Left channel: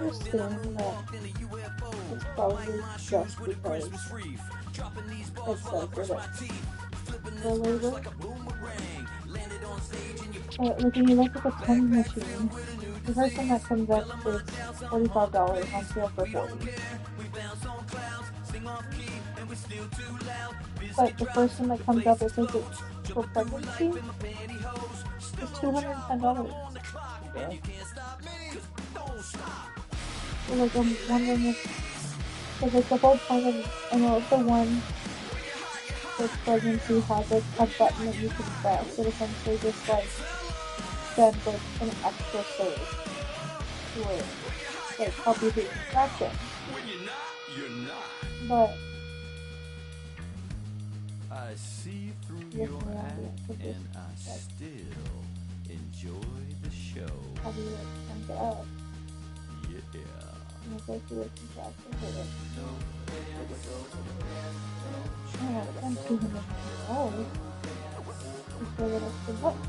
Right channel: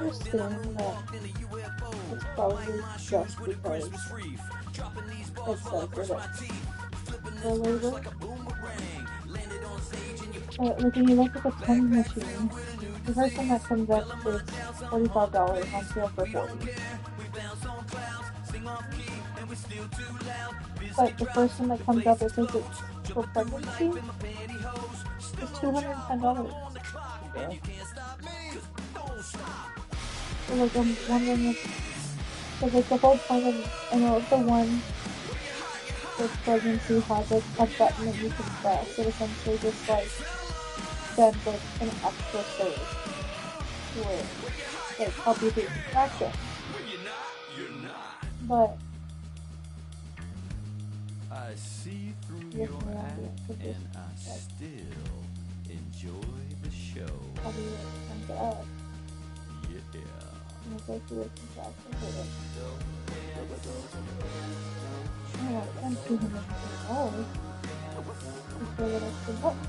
understand that it's probably just because it says that it's for labor. But like when you look at the penny machine, the first one that comes up is $45 on sale for $40. But the first one that comes up that says it's for pregnancy is $210. Yeah. So like I'm wondering if, because like the whole point of, I know the one for pregnancy has like a button that you can press that essentially just like sends like an extra surge to where like help you through contraction. But I see through your act and I still enjoy the show. How do you like crank it up? Yeah. And go through the contraction with it. Oh, I spent $250 just for that extra button.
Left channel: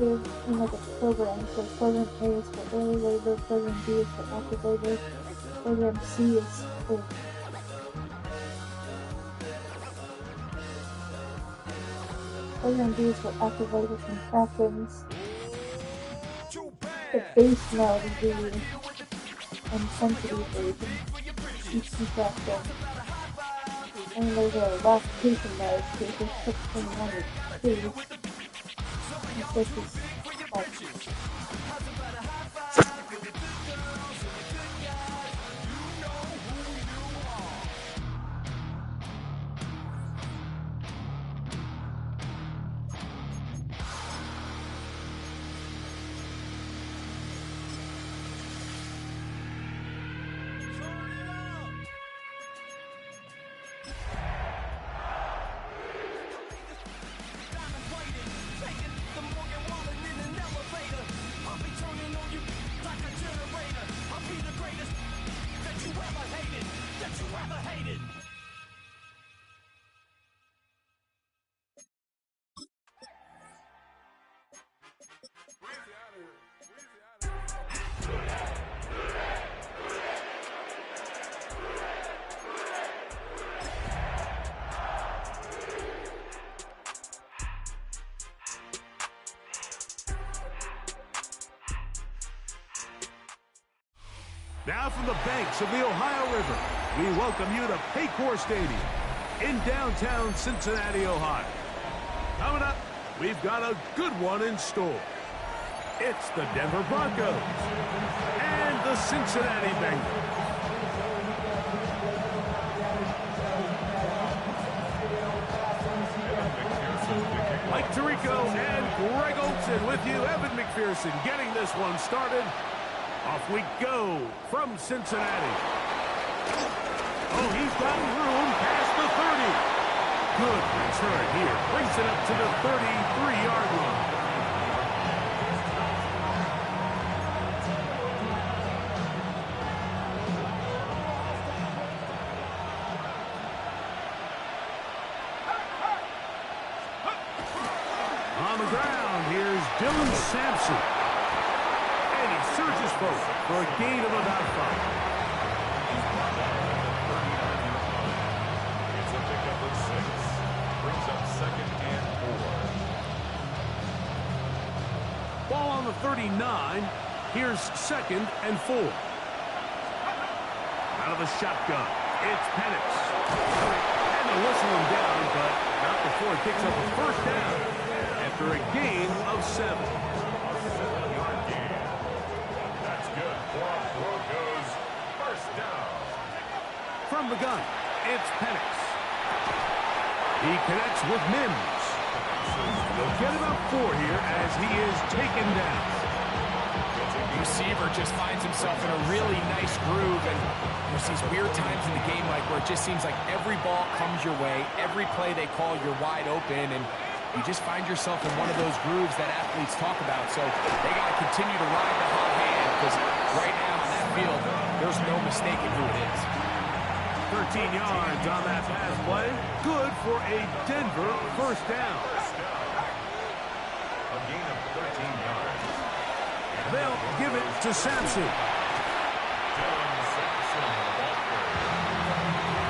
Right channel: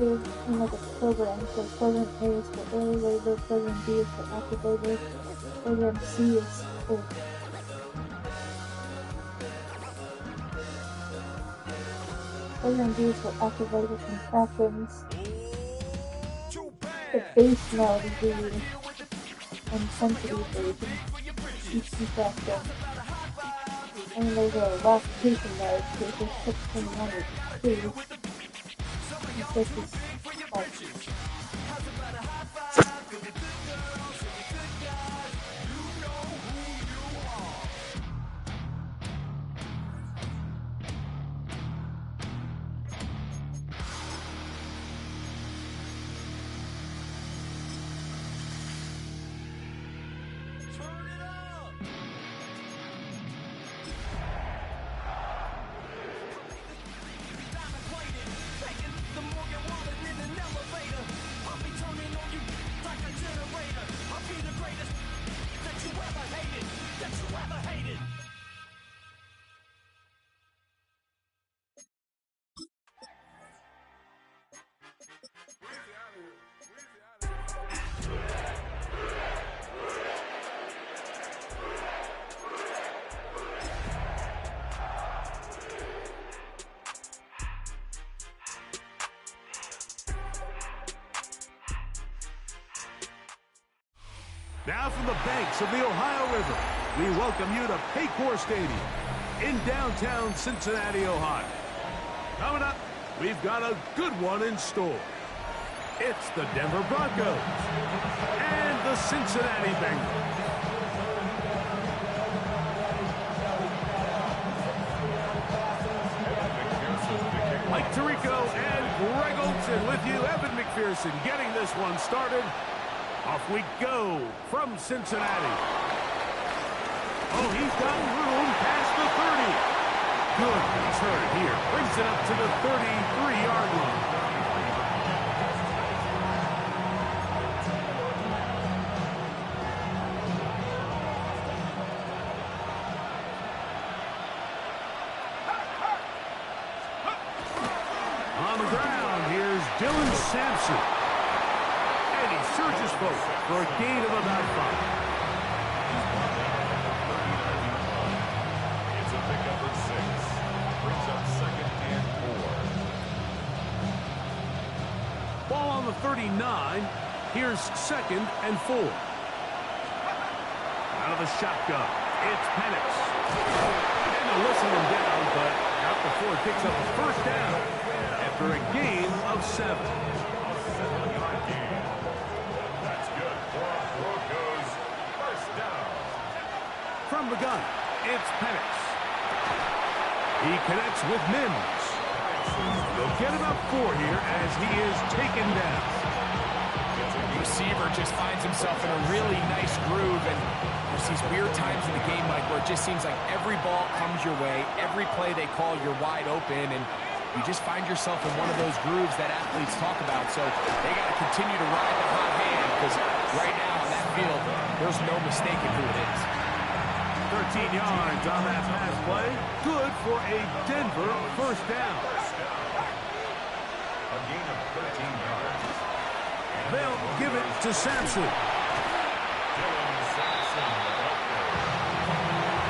There's like a program, so program A is for early labor, program B is for active labor, program C is for program B is for active labor contractions. The base mode is the intensity version, each contraction. And there's a lactation mode, so it just puts from 1 to 2. This is like Now from the banks of the Ohio River, we welcome you to Paycor Stadium in downtown Cincinnati, Ohio. Coming up, we've got a good one in store. It's the Denver Broncos and the Cincinnati Bengals. Mike Tirico and Greg Olson with you. Evan McPherson getting this one started. Off we go from Cincinnati. Oh, he's got room past the 30. Good return here. Brings it up to the 33-yard line. On the ground, here's Dylan Sampson. And he surges forward for a gain of about 5. He's brought down at the 39-yard line. It's a pickup of 6. Brings up 2nd and 4. Ball on the 39. Here's 2nd and 4. Out of the shotgun, it's Penix. And they'll whistle him down, but not before it picks up a first down after a gain of 7. A 7-yard gain. That's good for a Broncos first down. From the gun, it's Penix. He connects with Mims. They'll get about 4 here as he is taken down. Receiver just finds himself in a really nice groove, and there's these weird times in the game, Mike, where it just seems like every ball comes your way, every play they call, you're wide open, and you just find yourself in one of those grooves that athletes talk about. So they got to continue to ride the hot hand, because right now on that field, there's no mistaking who it is. 13 yards on that pass play. Good for a Denver first down. A gain of 13 yards. They'll give it to Sampson. Dylan Sampson, the ball carrier.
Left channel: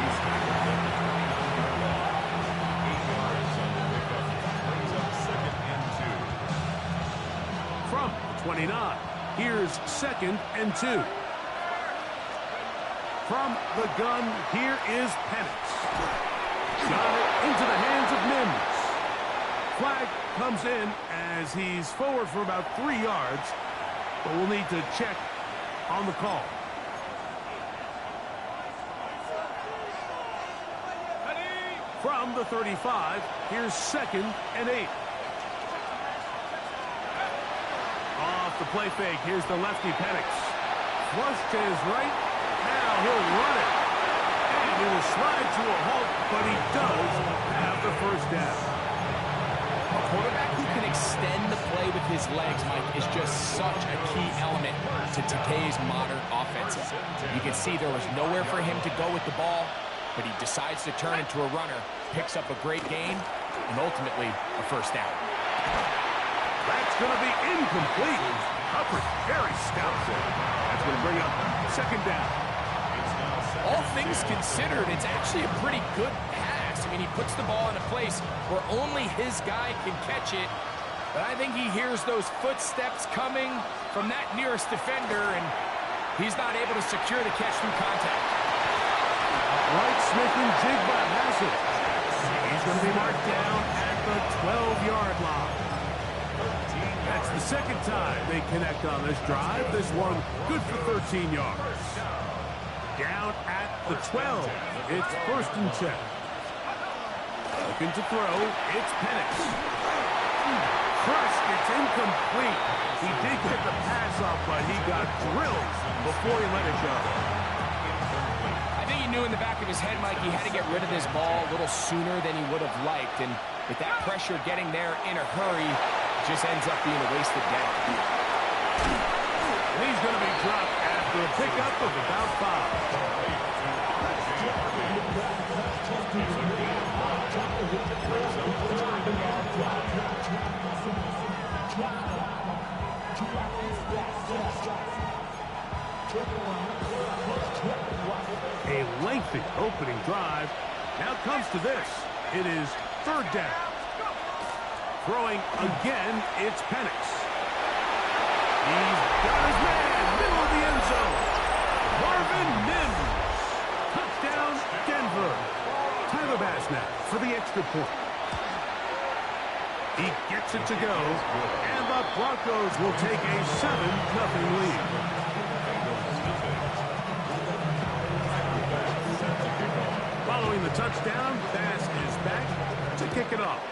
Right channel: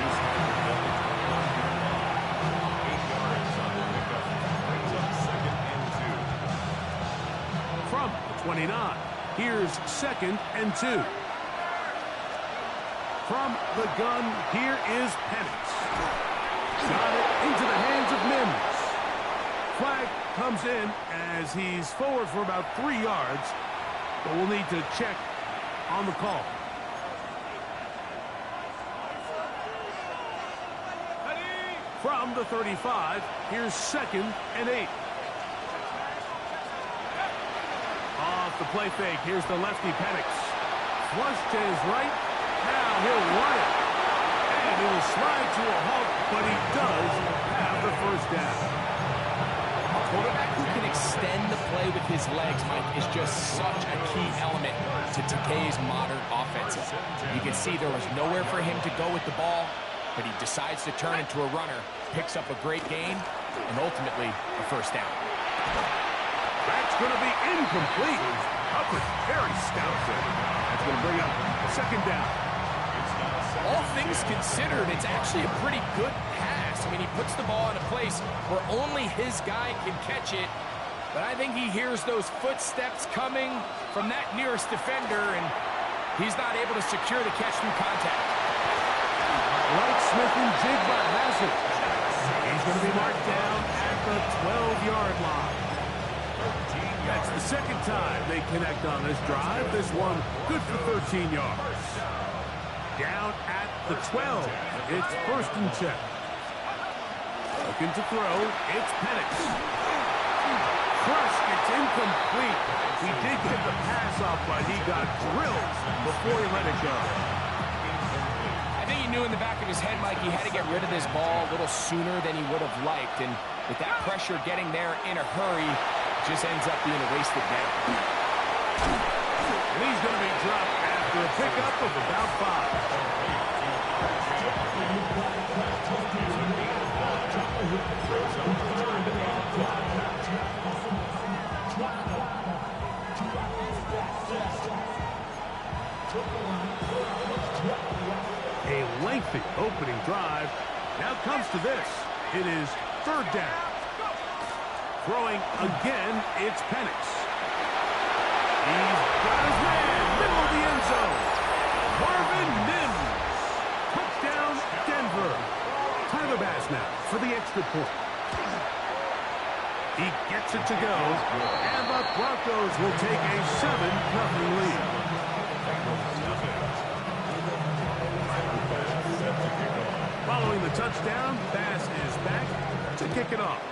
He's tackled at the 29-yard line. 8 yards on the pickup. Brings up 2nd and 2. From the 29, here's 2nd and 2. From the gun, here is Penix. Got it into the hands of Mims. Flag comes in as he's forward for about 3 yards, but we'll need to check on the call. From the 35, here's 2nd and 8. Off the play fake, here's the lefty Penix. Flush to his right. Now he'll run it. And he will slide to a halt, but he does have the first down. A quarterback who can extend the play with his legs, Mike, is just such a key element to today's modern offenses. You can see there was nowhere for him to go with the ball, but he decides to turn into a runner, picks up a great gain, and ultimately a first down. That's going to be incomplete. Coverage very stout there. That's going to bring up 2nd down. All things considered, it's actually a pretty good pass. I mean, he puts the ball in a place where only his guy can catch it. But I think he hears those footsteps coming from that nearest defender, and he's not able to secure the catch through contact. Right, Smith and Jigba has it. He's going to be marked down at the 12-yard line. That's the 2nd time they connect on this drive. This one good for 13 yards. Down at the 12. It's 1st and 10. Looking to throw. It's Penix. Crushed. It's incomplete. He did get the pass off, but he got drilled before he let it go. I think he knew in the back of his head, Mike, he had to get rid of this ball a little sooner than he would have liked. And with that pressure getting there in a hurry, it just ends up being a wasted down. And he's going to be dropped after a pickup of about 5. A lengthy opening drive. Now comes to this. It is 3rd down. Throwing again, it's Penix. He's got his man, middle of the end zone. Marvin Mims. Touchdown, Denver. Tyler Bass now for the extra point. He gets it to go, and the Broncos will take a 7-0 lead. Following the touchdown, Bass is back to kick it off.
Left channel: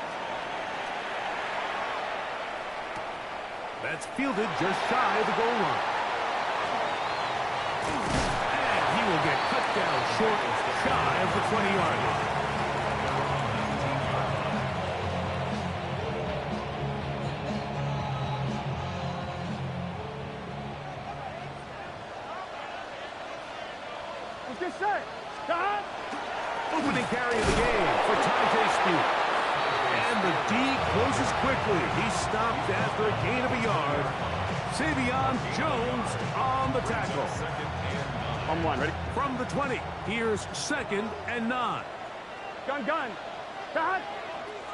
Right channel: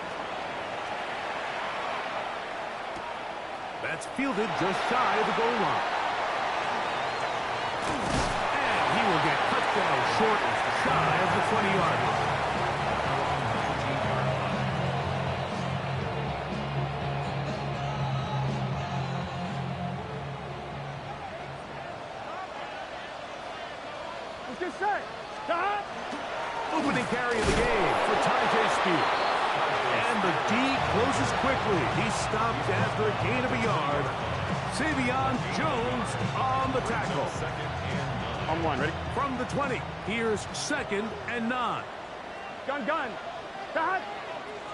That's fielded just shy of the goal line. And he will get cut down short, shy of the 20-yard line. Let's get set. Stop. Opening carry of the game for Tyjae Spears. And the D closes quickly. He stopped after a gain of a yard. Savion Jones on the tackle. On 1, ready? From the 20, here's 2nd and 9. Gun. Stop.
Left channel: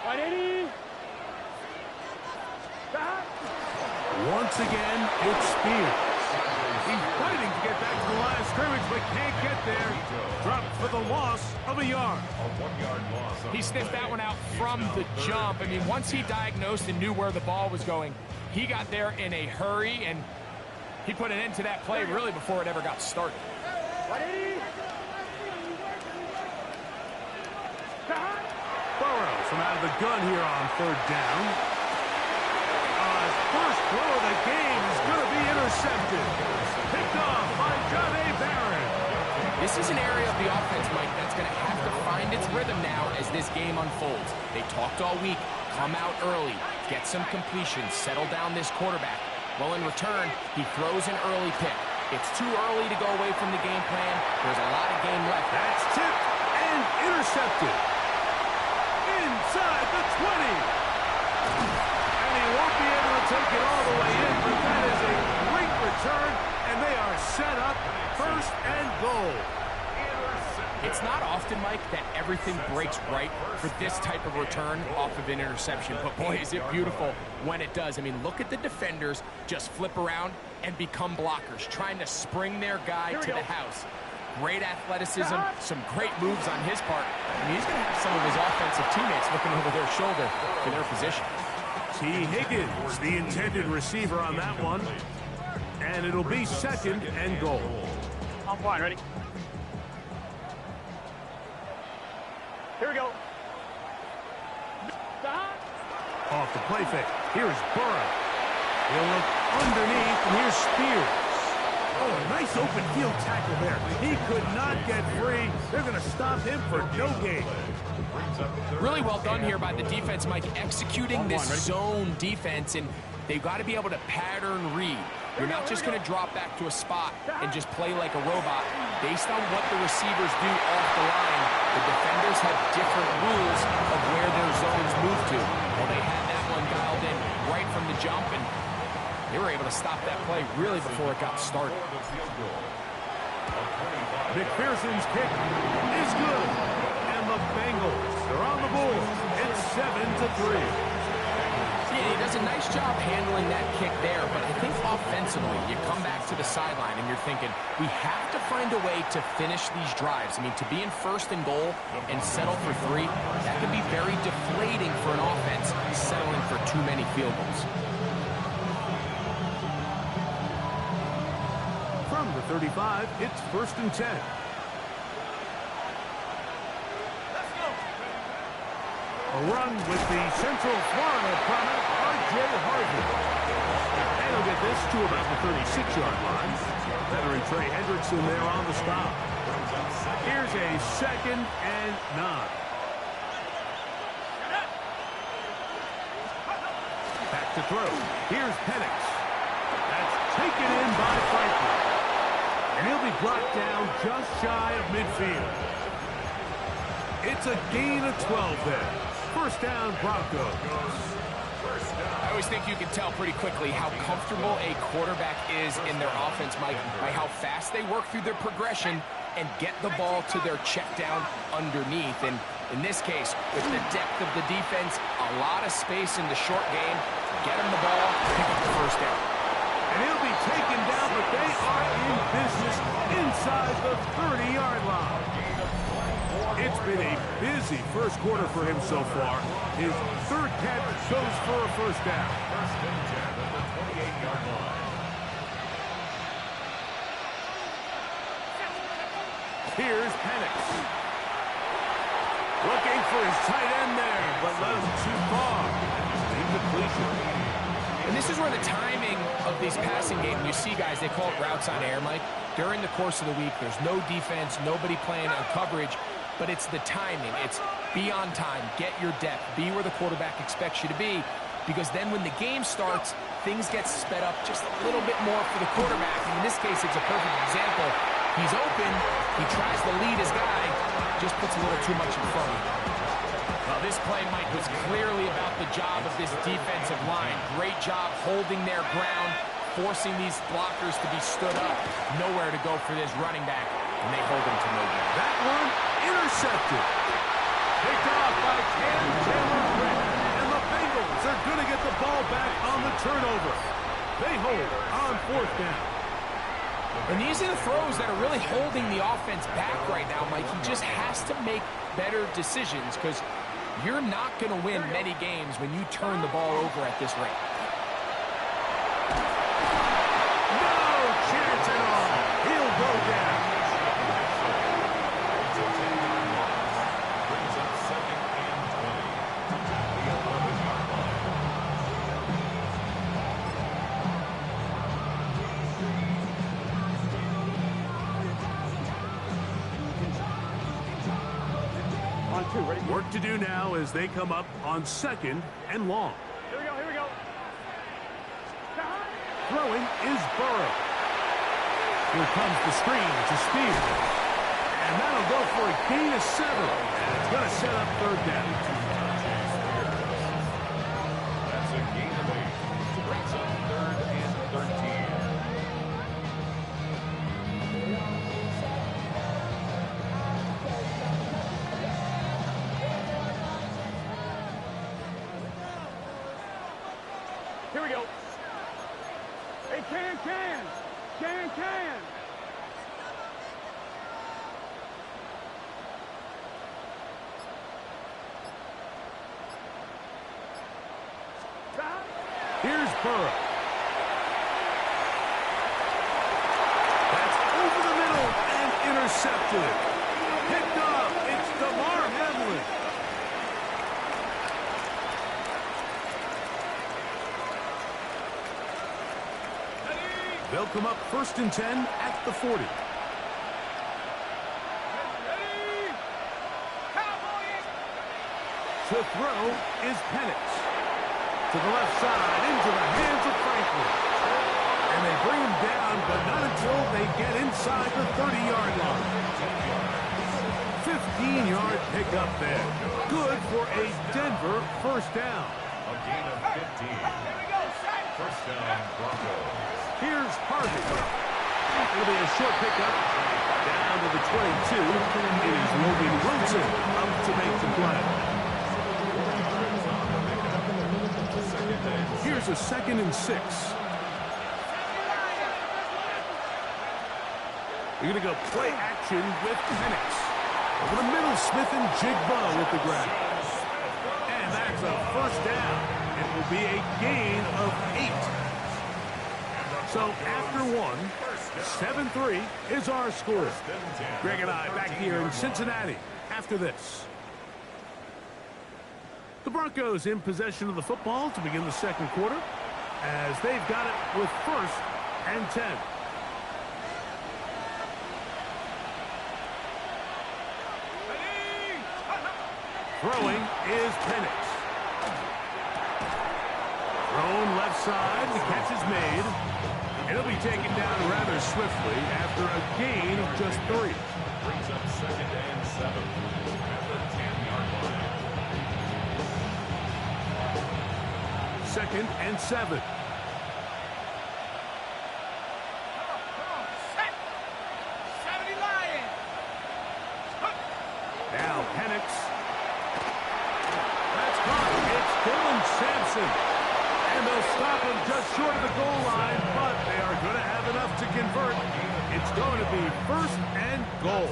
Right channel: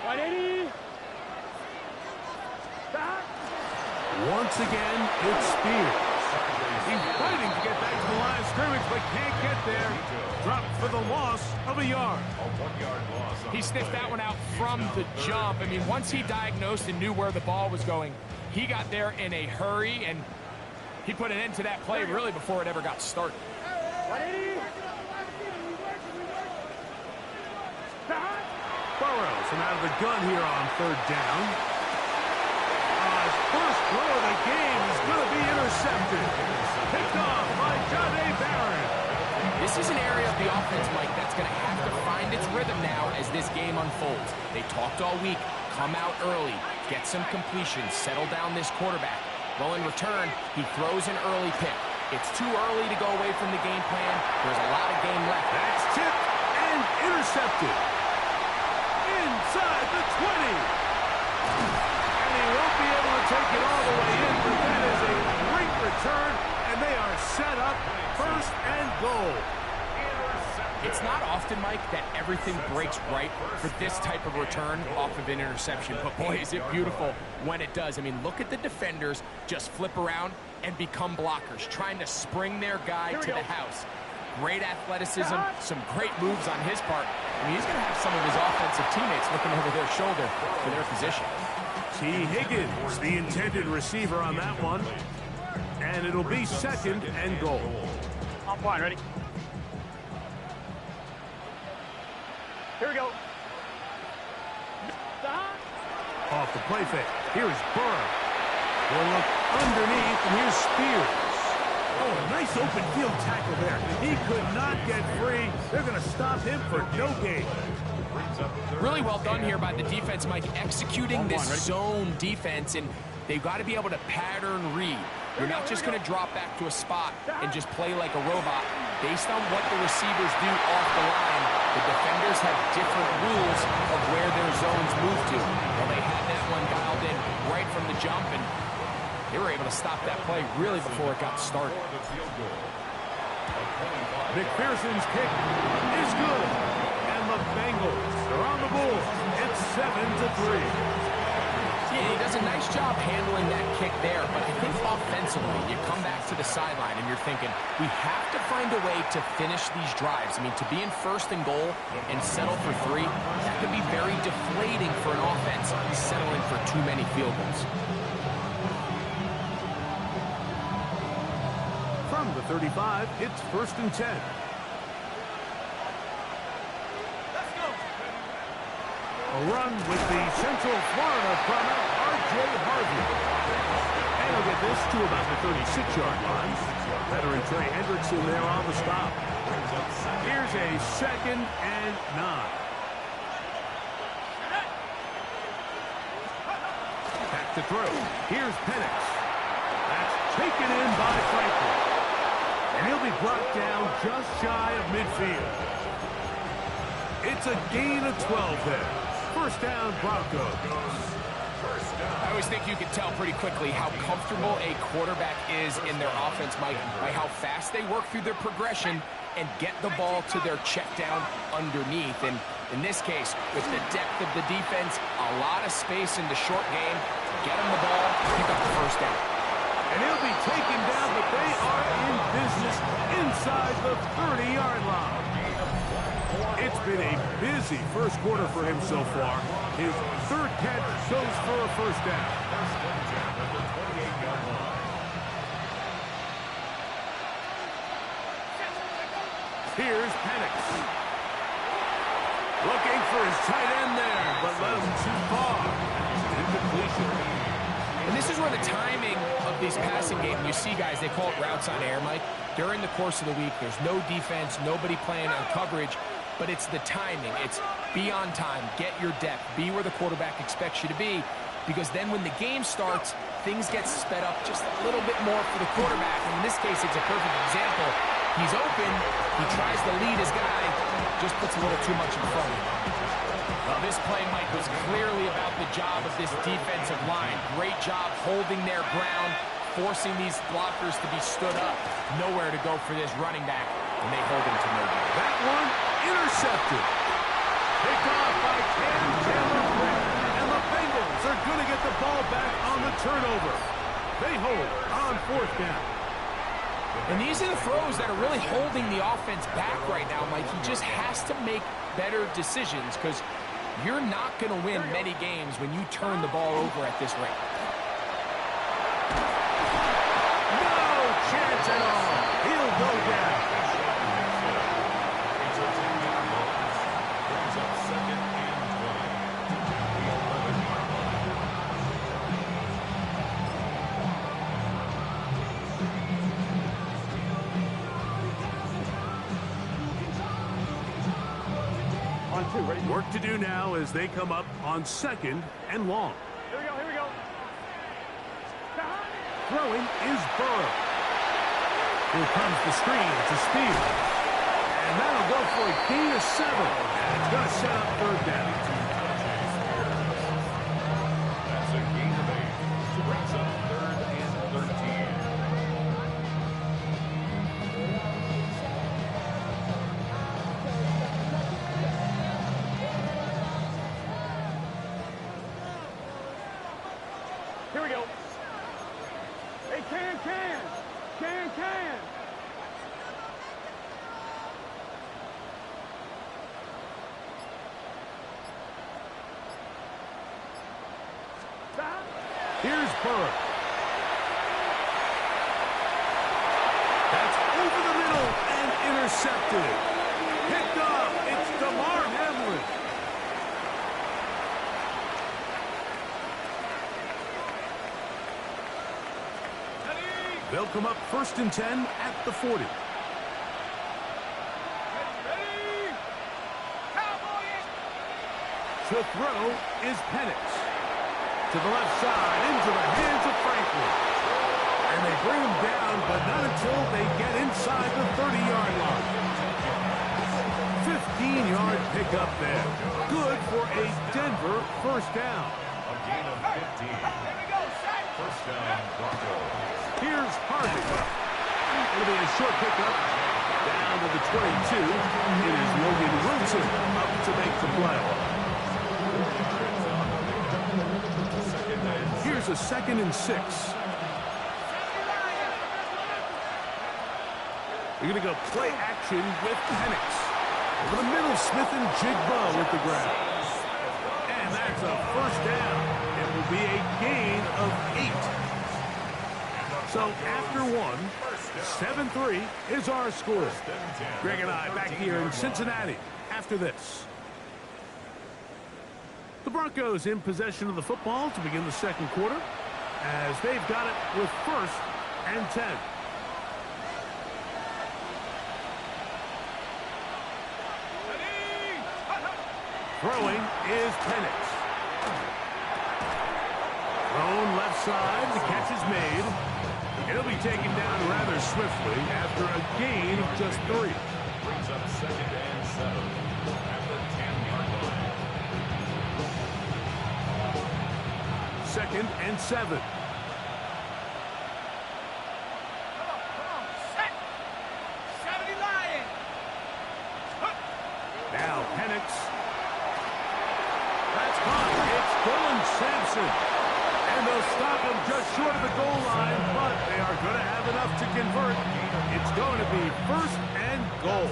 180. Stop. Once again, it's Spears. He's fighting to get back to the line of scrimmage, but can't get there. Dropped for the loss of a yard. A 1-yard loss. He sniffed that one out from the jump. I mean, once he diagnosed and knew where the ball was going, he got there in a hurry, and he put an end to that play really before it ever got started. 180. Stop. Burrows from out of the gun here on 3rd down. His first throw of the game is going to be intercepted. Picked off by Jahdae Barron. This is an area of the offense, Mike, that's going to have to find its rhythm now as this game unfolds. They talked all week. Come out early. Get some completions. Settle down this quarterback. Well, in return, he throws an early pick. It's too early to go away from the game plan. There's a lot of game left. That's tipped and intercepted. Inside the 20. And he won't be able to take it all the way in, but that is a great return, and they are set up 1st and goal. It's not often, Mike, that everything breaks right for this type of return off of an interception. But, boy, is it beautiful when it does. I mean, look at the defenders just flip around and become blockers, trying to spring their guy to the house. Great athleticism, some great moves on his part. I mean, he's going to have some of his offensive teammates looking over their shoulder for their position. T. Higgins, the intended receiver on that one. And it'll be 2nd and goal. On point, ready? Here we go. Off the play fake. Here's Burrow. He'll look underneath, and here's Spears. Oh, a nice open field tackle there. He could not get free. They're going to stop him for no gain. Really well done here by the defense, Mike, executing this zone defense, and they've got to be able to pattern read. You're not just going to drop back to a spot and just play like a robot. Based on what the receivers do off the line, the defenders have different rules of where their zones move to. Well, they had that one dialed in right from the jump, and they were able to stop that play really before it got started. McPherson's kick is good. And the Bengals are on the board. It's 7-3. Yeah, he does a nice job handling that kick there, but I think offensively, you come back to the sideline and you're thinking, we have to find a way to finish these drives. I mean, to be in 1st and goal and settle for 3, that can be very deflating for an offense settling for too many field goals. From the 35, it's 1st and 10. A run with the Central Florida product, R.J. Harvey. And he'll get this to about the 36-yard line. Veteran Trey Hendrickson there on the stop. Here's a 2nd and 9. Back to throw. Here's Penix. That's taken in by Franklin. And he'll be brought down just shy of midfield. It's a gain of 12 there. 1st down, Broncos. I always think you can tell pretty quickly how comfortable a quarterback is in their offense, Mike, by how fast they work through their progression and get the ball to their check down underneath. And in this case, with the depth of the defense, a lot of space in the short game, get him the ball, pick up the 1st down. And he'll be taken down, but they are in business inside the 30-yard line. It's been a busy 1st quarter for him so far. His 3rd catch goes for a 1st down. 1st and 10 at the 28-yard line. Here's Penix. Looking for his tight end there, but led him too far. Incompletion. And this is where the timing of these passing games, you see guys, they call it routes on air, Mike. During the course of the week, there's no defense, nobody playing on coverage, but it's the timing. It's be on time, get your depth, be where the quarterback expects you to be, because then when the game starts, things get sped up just a little bit more for the quarterback. And in this case, it's a perfect example. He's open, he tries to lead his guy, just puts a little too much in front of him. Well, this play, Mike, was clearly about the job of this defensive line. Great job holding their ground, forcing these blockers to be stood up. Nowhere to go for this running back, and they hold him to no gain. That one intercepted. Picked off by Cam Taylor-Britt. And the Bengals are going to get the ball back on the turnover. They hold on 4th down. And these are the throws that are really holding the offense back right now, Mike. He just has to make better decisions because you're not going to win many games when you turn the ball over at this rate. No chance at all. He'll go down. It's a 10-yard loss. Brings up 2nd and 20 at the 11-yard line. On 2, ready? Work to do now as they come up on 2nd and long. Here we go, here we go. Throwing is Burrow. Here comes the screen. It's a spear. And that'll go for a gain of 7. And it's going to set up third down. That's a gain of 8. Brings up 3rd and 13. Here we go. Hey, can. Here's Burrow. That's over the middle and intercepted. Picked up. It's DeMar Hamlin. They'll come up 1st and 10 at the 40. Ready? Cowboys! To throw is Penix. To the left side, into the hands of Franklin. And they bring him down, but not until they get inside the 30-yard line. 15-yard pickup there. Good for a Denver first down. A gain of 15. First down, Broncos. Here's Harvey. It'll be a short pickup down to the 22. It is Logan Wilson up to make the play. Here's a 2nd and 6. They're going to go play action with Penix. Over the middle, Smith and Jigba with the grab. And that's a first down. It will be a gain of 8. So after 7-3 is our score. Greg and I back here in Cincinnati after this. The Broncos in possession of the football to begin the second quarter as they've got it with 1st and 10. Throwing is Penix. Thrown left side. The catch is made. It'll be taken down rather swiftly after a gain of just 3. Brings up 2nd and 7 at the 10-yard line. 2nd and 7. Now Penix. That's caught. It's Dylan Sampson. And they'll stop him just short of the goal line, but they are going to have enough to convert. It's going to be 1st and goal.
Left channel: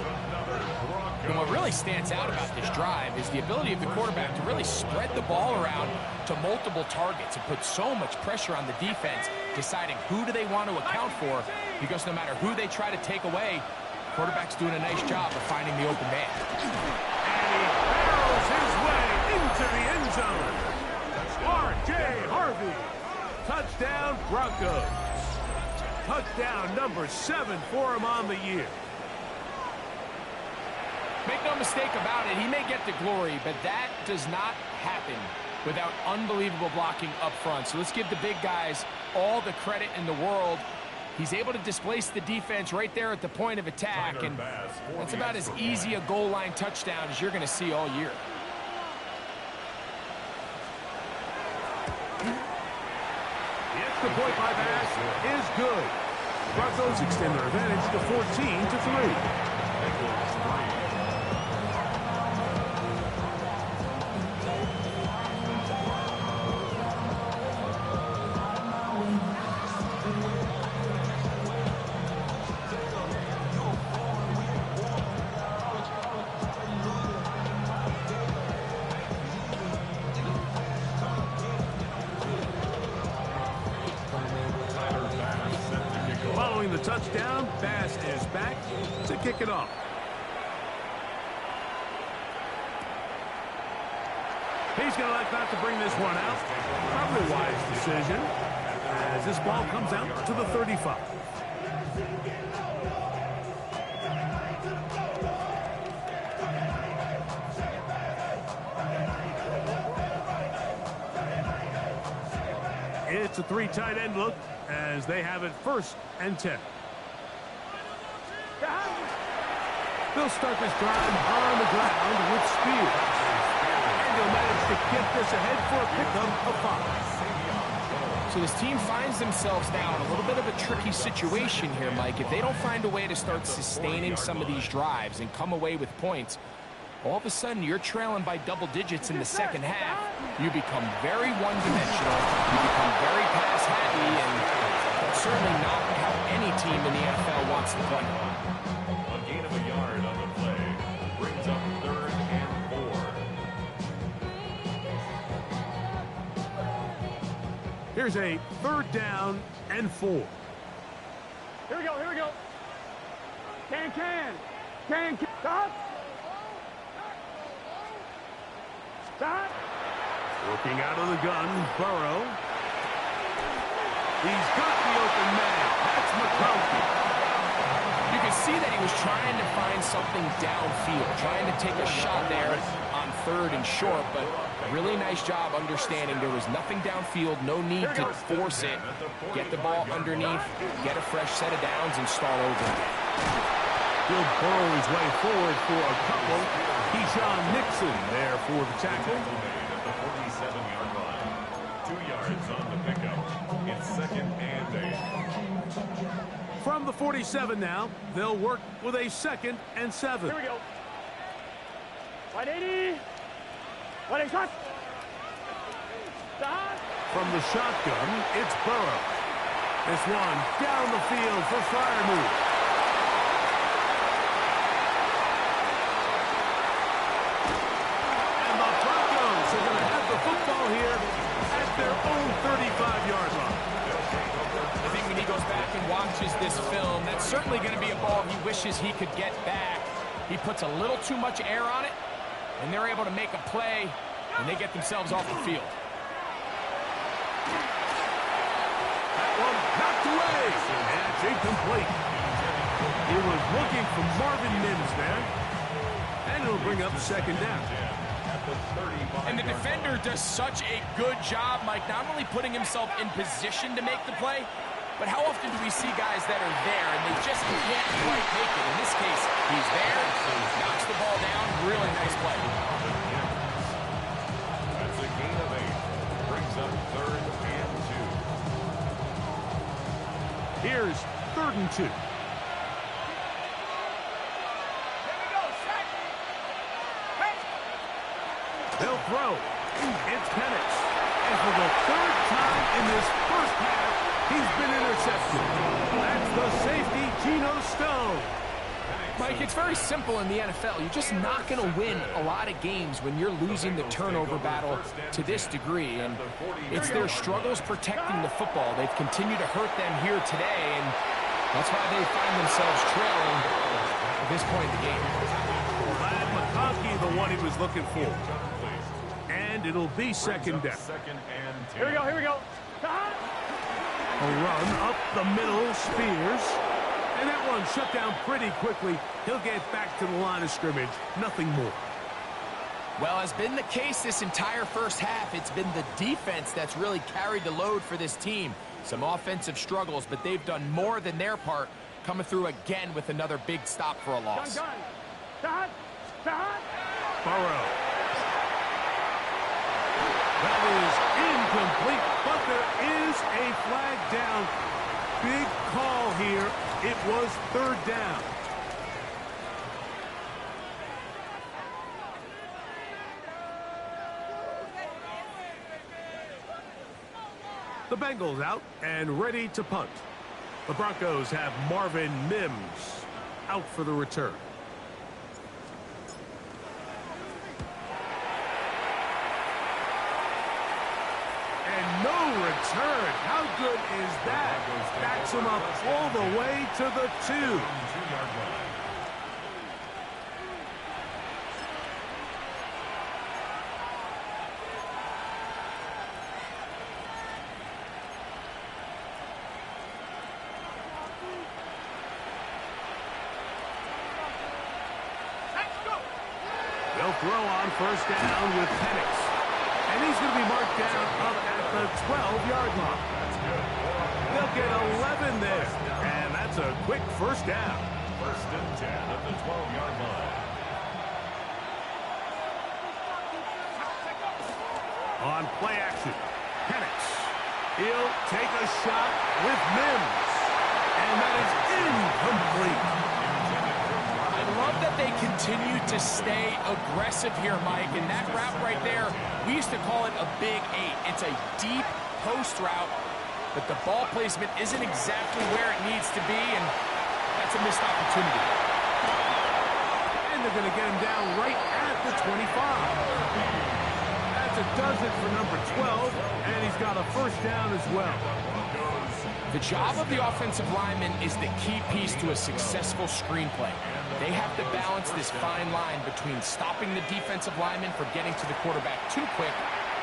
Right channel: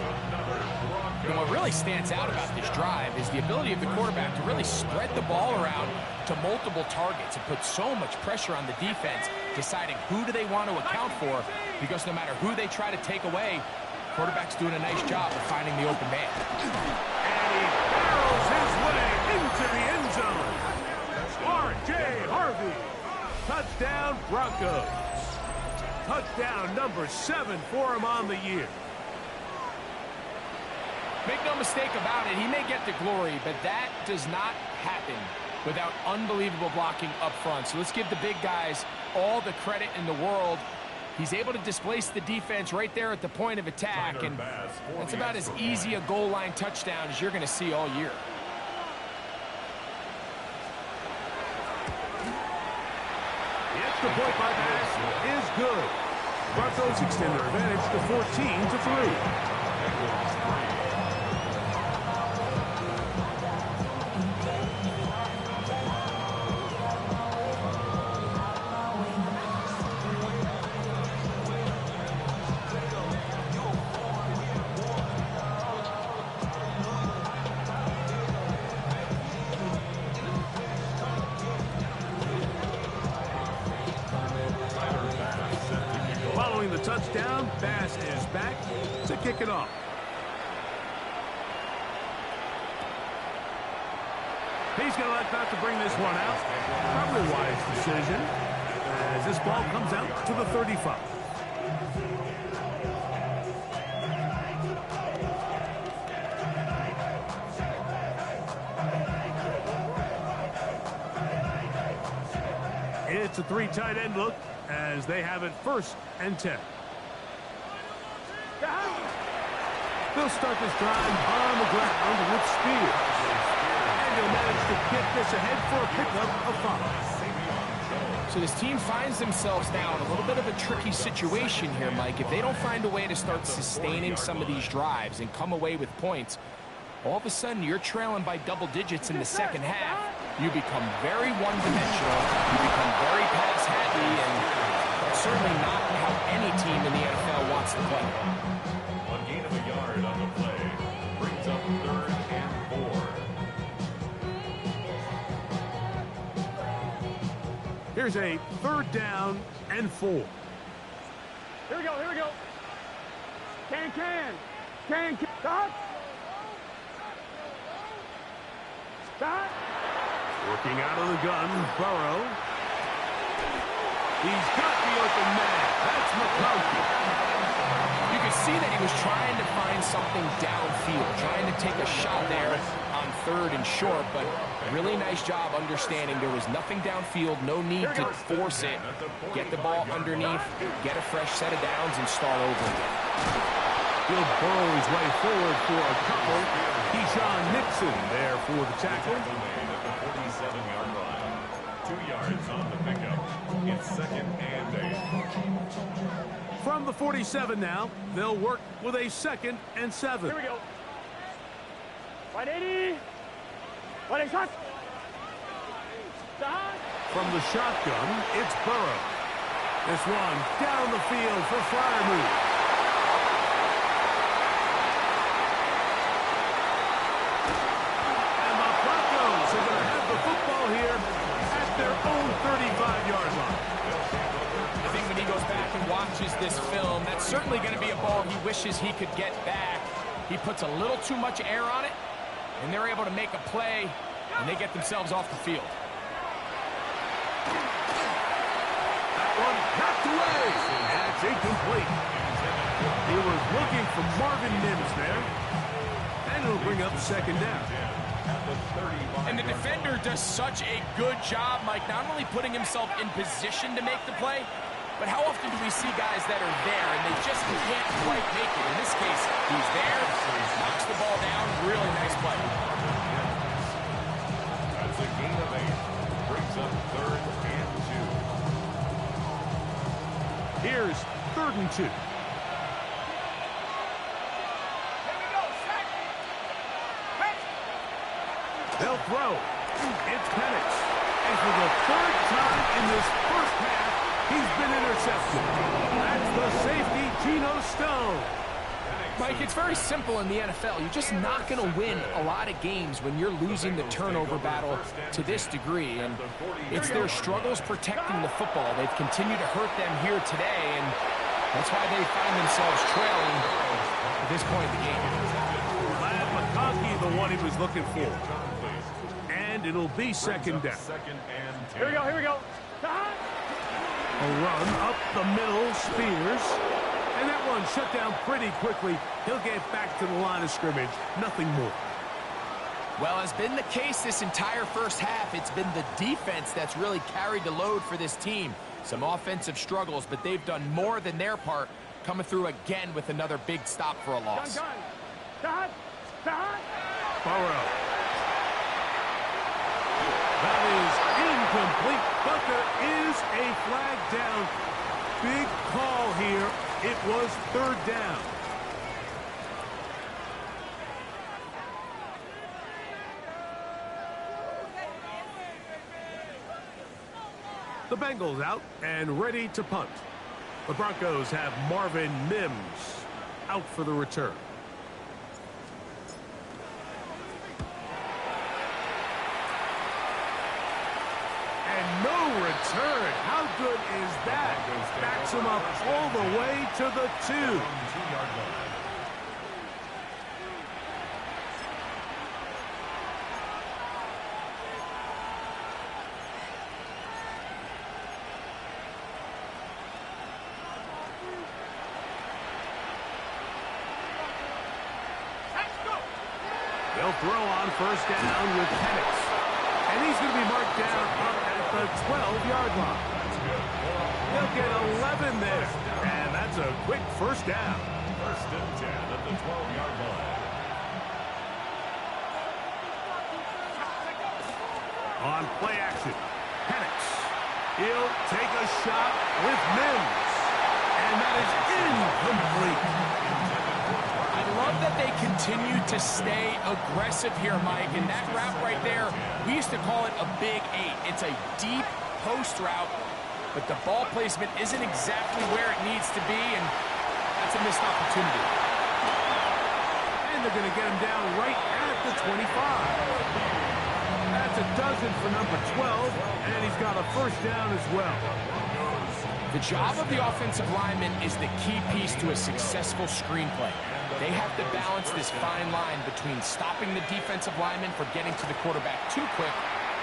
And what really stands out about this drive is the ability of the quarterback to really spread the ball around to multiple targets and put so much pressure on the defense, deciding who do they want to account for, because no matter who they try to take away, quarterback's doing a nice job of finding the open man. And he barrels his way into the end zone. R.J. Harvey. Touchdown, Broncos. Touchdown number 7 for him on the year. Make no mistake about it, he may get the glory, but that does not happen without unbelievable blocking up front. So let's give the big guys all the credit in the world. He's able to displace the defense right there at the point of attack, and that's about as easy a goal line touchdown as you're going to see all year. The extra point by pass is good. Broncos extend their advantage to 14-3. Bengals 3. Following the touchdown, Bass is back to kick it off. He's going to elect not to bring this one out. Probably a wise decision as this ball comes out to the 35. It's a 3 tight end look as they have it 1st and 10. They'll start this drive on the ground with Spears. And he'll manage to get this ahead for a pickup of 5. So this team finds themselves now in a little bit of a tricky situation here, Mike. If they don't find a way to start sustaining some of these drives and come away with points, all of a sudden you're trailing by double digits in the second half. You become very one-dimensional. You become very pass-happy, and that's certainly not how any team in the NFL wants to play. A gain of a yard on the play brings up 3rd and 4. Here's a 3rd down and 4. Here we go, here we go. Can. Stop. Stop. Working out of the gun, Burrow. He's got the open man. That's McConkey. You can see that he was trying to find something downfield, trying to take a shot there on 3rd and short, but really nice job understanding there was nothing downfield, no need to force it. Get the ball underneath, get a fresh set of downs, and start over again. He'll burrow his way forward for a couple. Keyshawn Nixon there for the tackle. Made at the 47-yard line. 2 yards on the pickup. It's 2nd and 8. From the 47 now, they'll work with a 2nd and 7. Here we go. 180. 180 shot. Stop. From the shotgun, it's Burrow. This one down the field for Freiermuth. And the Broncos are going to have the football here at their own 35-yard line. I think when he goes back and watches this film, that's certainly going to be a ball he wishes he could get back. He puts a little too much air on it, and they're able to make a play, and they get themselves off the field. That one knocked away, and it's incomplete. He was looking for Marvin Mims there, and it'll bring up 2nd down. And the defender does such a good job, Mike, not only putting himself in position to make the play, but how often do we see guys that are there and they just can't quite make it? In this case, he's there, knocks the ball down, really nice play. That's a gain of 8. Brings up 3rd and 2. Here's 3rd and 2. They'll throw. It's Penix. And for the 3rd time in this first half, he's been intercepted. That's the safety, Geno Stone. Mike, it's very simple in the NFL. You're just not going to win a lot of games when you're losing the turnover battle to this degree. And it's their struggles protecting the football. They've continued to hurt them here today, and that's why they find themselves trailing at this point in the game. Glad McConkey, the one he was looking for. And it'll be 2nd down. 2nd and 10. Here we go, here we go. A run up the middle, Spears. And that one shut down pretty quickly. He'll get back to the line of scrimmage. Nothing more. Well, as been the case this entire first half, it's been the defense that's really carried the load for this team. Some offensive struggles, but they've done more than their part, coming through again with another big stop for a loss. Stop. Burrow. That is incomplete, but there is a flag down. Big call here. It was 3rd down. The Bengals out and ready to punt. The Broncos have Marvin Mims out for the return. And no return. How good is that? Backs him up all the way to the 2. 2-yard line. They'll throw on 1st down with Penix. And he's going to be marked down up at the 12-yard line. That's good. They'll get 11 there. And that's a quick 1st down. 1st and 10 at the 12-yard line. On play action, Penix. He'll take a shot with Mims. And that is incomplete. I love that they continue to stay aggressive here, Mike. And that route right there, we used to call it a big 8. It's a deep post route, but the ball placement isn't exactly where it needs to be, and that's a missed opportunity. And they're going to get him down right at the 25. That's a dozen for number 12, and he's got a first down as well. The job of the offensive lineman is the key piece to a successful screenplay. They have to balance this fine line between stopping the defensive lineman from getting to the quarterback too quick,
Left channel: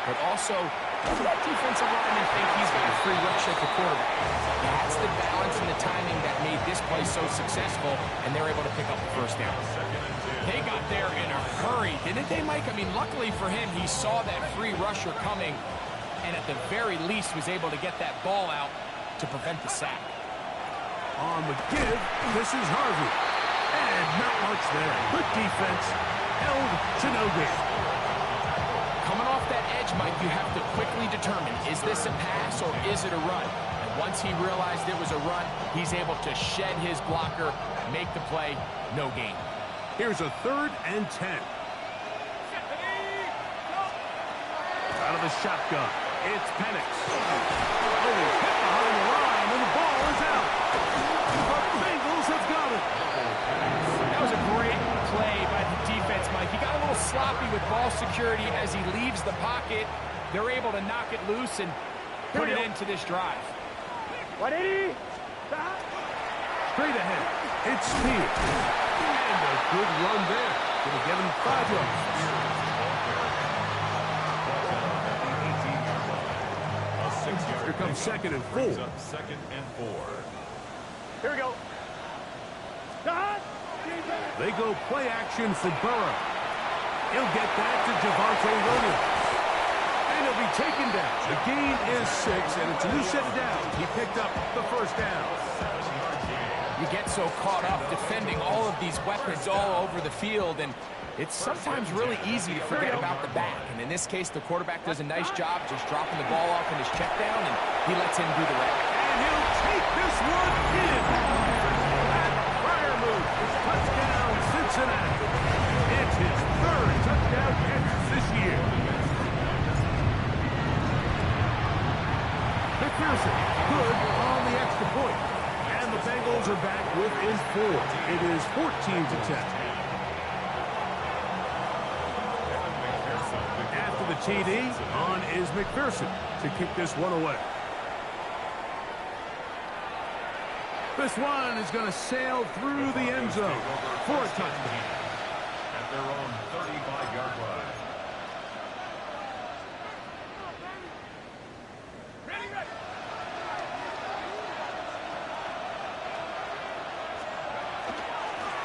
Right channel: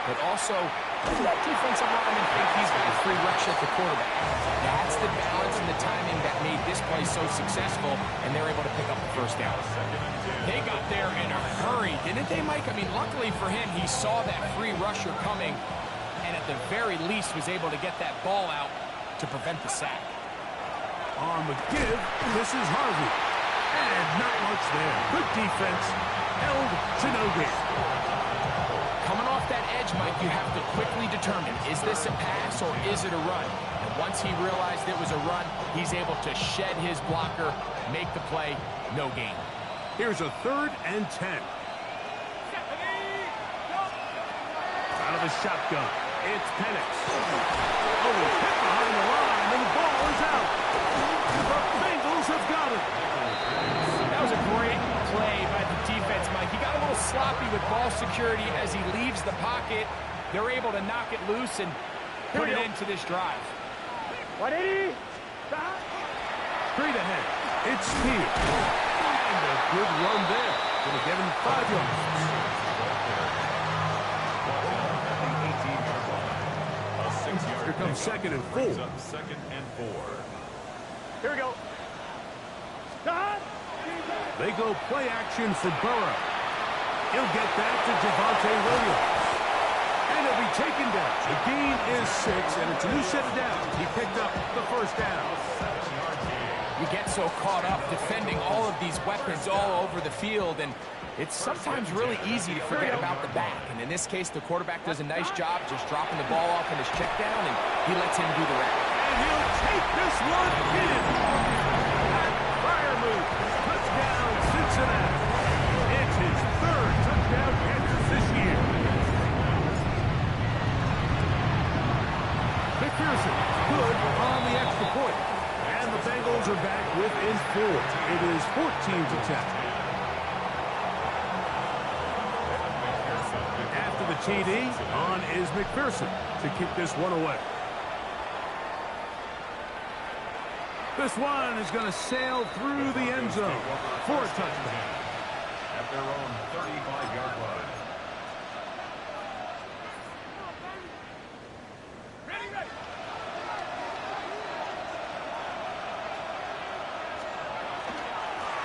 but also let that defensive lineman think he's got a free rush at the quarterback. That's the balance and the timing that made this play so successful, and they're able to pick up the first down. They got there in a hurry, didn't they, Mike? I mean, luckily for him, he saw that free rusher coming, and at the very least was able to get that ball out to prevent the sack. On the give, this is Harvey. And not much there. Good defense. Held to no gain. Coming off that edge, Mike, you have to quickly determine, is this a pass or is it a run? And once he realized it was a run, he's able to shed his blocker, make the play, no gain. Here's a 3rd and 10. Out of the shotgun, it's Penix. Oh, he's hit behind the line, and the ball is out. The Bengals have got it. That was a great play by the defense, Mike. He got a little sloppy with ball security as he leaves the pocket. They're able to knock it loose and put it into this drive. 180. Straight ahead, it's Spears. And a good run there. Going to give him 5 yards. Here comes 2nd and 4. 2nd and 4. Here we go. Stop. They go play action for Burrow. He'll get that to Javonte Williams. And he'll be taken down. The gain is 6, and it's a new set of downs. He picked up the first down. You get so caught up defending all of these weapons all over the field, and it's sometimes really easy to forget about the back. And in this case, the quarterback does a nice job just dropping the ball off in his check down, and he lets him do the rest. And he'll take this one in. That fire move. Touchdown, Cincinnati. It's his 3rd touchdown catch this year. McPherson, good on the extra point. And the Bengals are back within 4. It is 14-10. After the TD, on is McPherson to kick this one away. This one is going to sail through the end zone for a touchdown. At their own 35-yard line.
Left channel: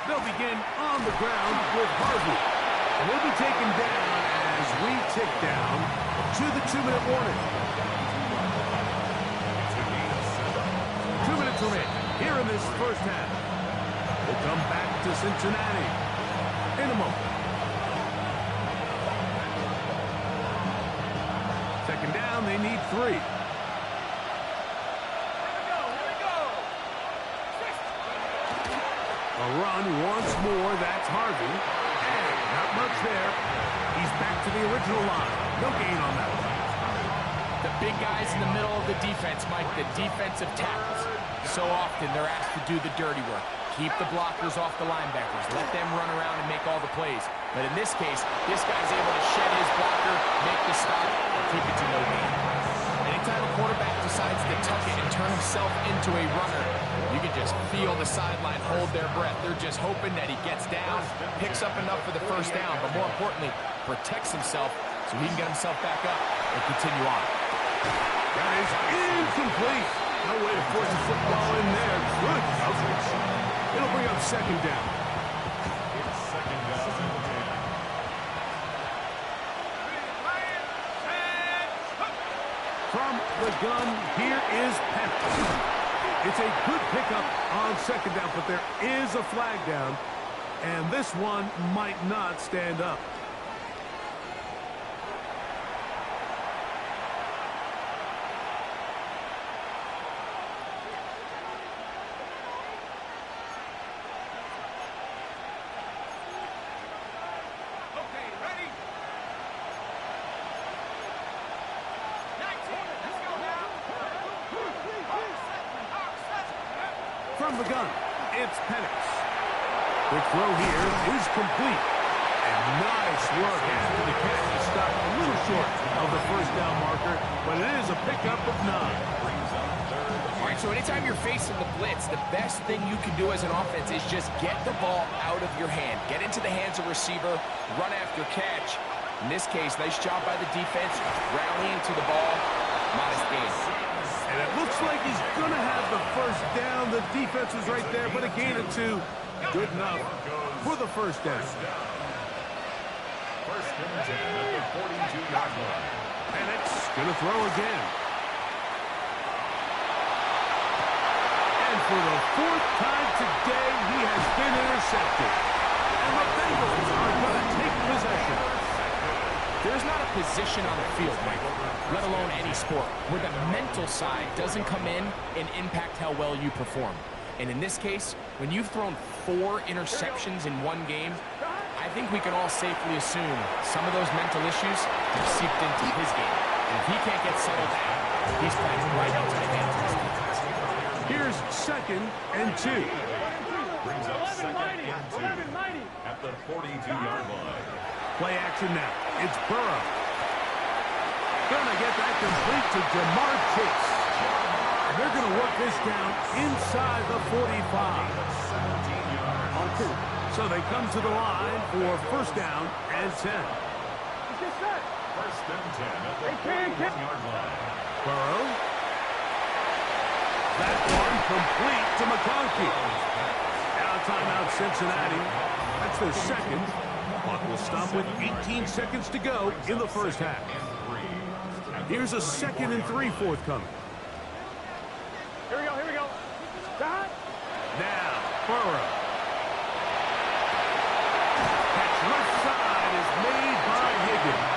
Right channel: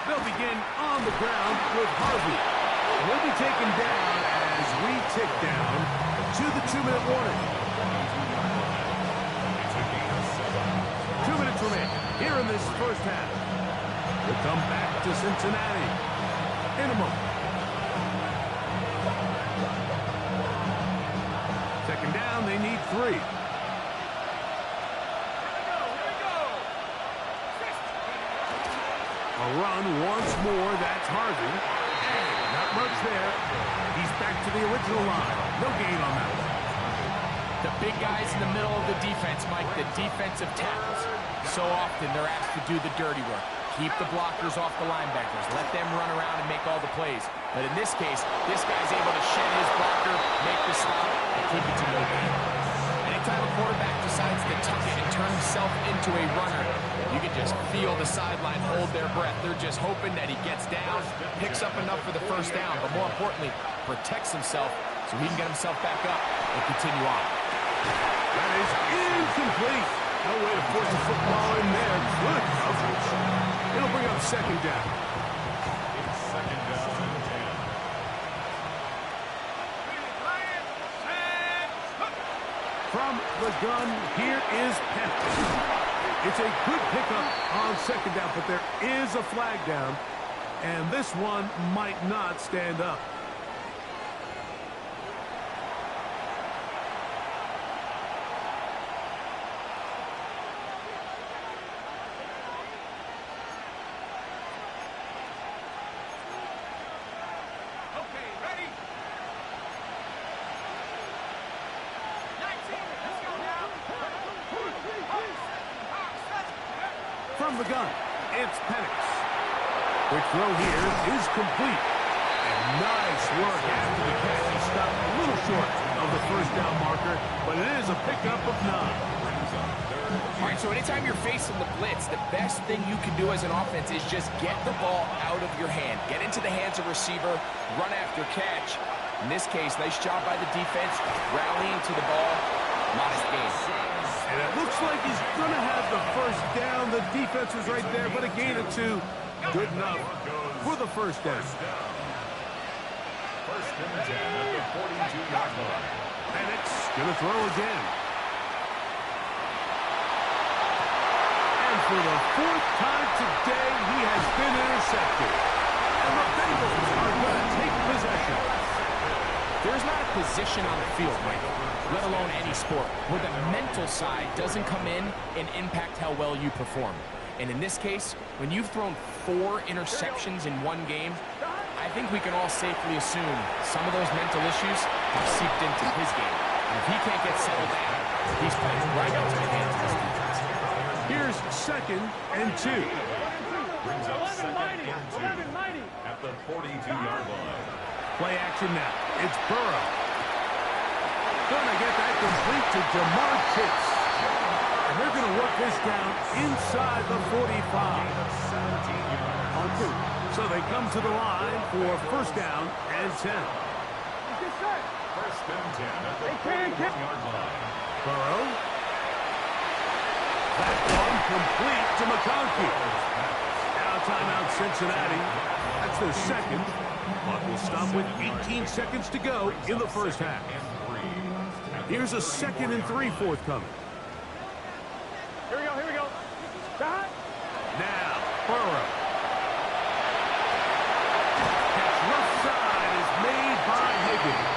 They'll begin on the ground with Harvey. And he'll be taken down as we tick down to the 2-minute warning. 2 minutes remain here in this first half. We'll come back to Cincinnati in a moment. 2nd down, they need 3. A run once more, that's Harvey. And not much there. He's back to the original line. No gain on that one. The big guys in the middle of the defense, Mike, the defensive tackles. So often they're asked to do the dirty work. Keep the blockers off the linebackers. Let them run around and make all the plays. But in this case, this guy's able to shed his blocker, make the stop, and keep it to no gain. Anytime a quarterback decides to tuck it and turn himself into a runner, you can just feel the sideline hold their breath. They're just hoping that he gets down, picks up enough for the first down, but more importantly, protects himself so he can get himself back up and continue on. That is incomplete. No way to force the football in there. Good coverage. It'll bring up 2nd down. It's 2nd down and 10. From the gun, here is Penix. It's a good pickup on 2nd down, but there is a flag down. And this one might not stand up. Okay, ready? 19, let's go now. From the gun, it's Penix. Quick throw here is complete. And nice work after the catch. He stopped a little short of the first down marker, but it is a pickup of 9. All right, so anytime you're facing the blitz, the best thing you can do as an offense is just get the ball out of your hand. Get into the hands of receiver, run after catch. In this case, nice job by the defense, rallying to the ball. Modest gain. And it looks like he's going to have the first down. The defense was right there, but a gain of 2. Good enough for the first down. First and 10 at the 42-yard line. Penix going to throw again. And for the 4th time today, he has been intercepted. And the Bengals are going to take possession. There's not a position on the field, Mike, let alone any sport, where the mental side doesn't come in and impact how well you perform. And in this case, when you've thrown 4 interceptions in one game, I think we can all safely assume some of those mental issues have seeped into his game. And if he can't get settled down, he's playing right into the hands of his defense. Here's 2nd and 2. Brings up 2nd and 2 at the 42-yard line. Play action now. It's Burrow. Gonna get that complete to Jamar Chase. And they're gonna work this down inside the 45. On 2. So they come to the line for first down and 10. First and 10 at the 41-yard line. Burrow. That one complete to McConkey. Now timeout Cincinnati. That's their second. Clock will stop with 18 seconds to go in the first half. Here's a 2nd and 3 forthcoming. Here we go. Stop. Now, Burrow. Catch left side is made by Higgins.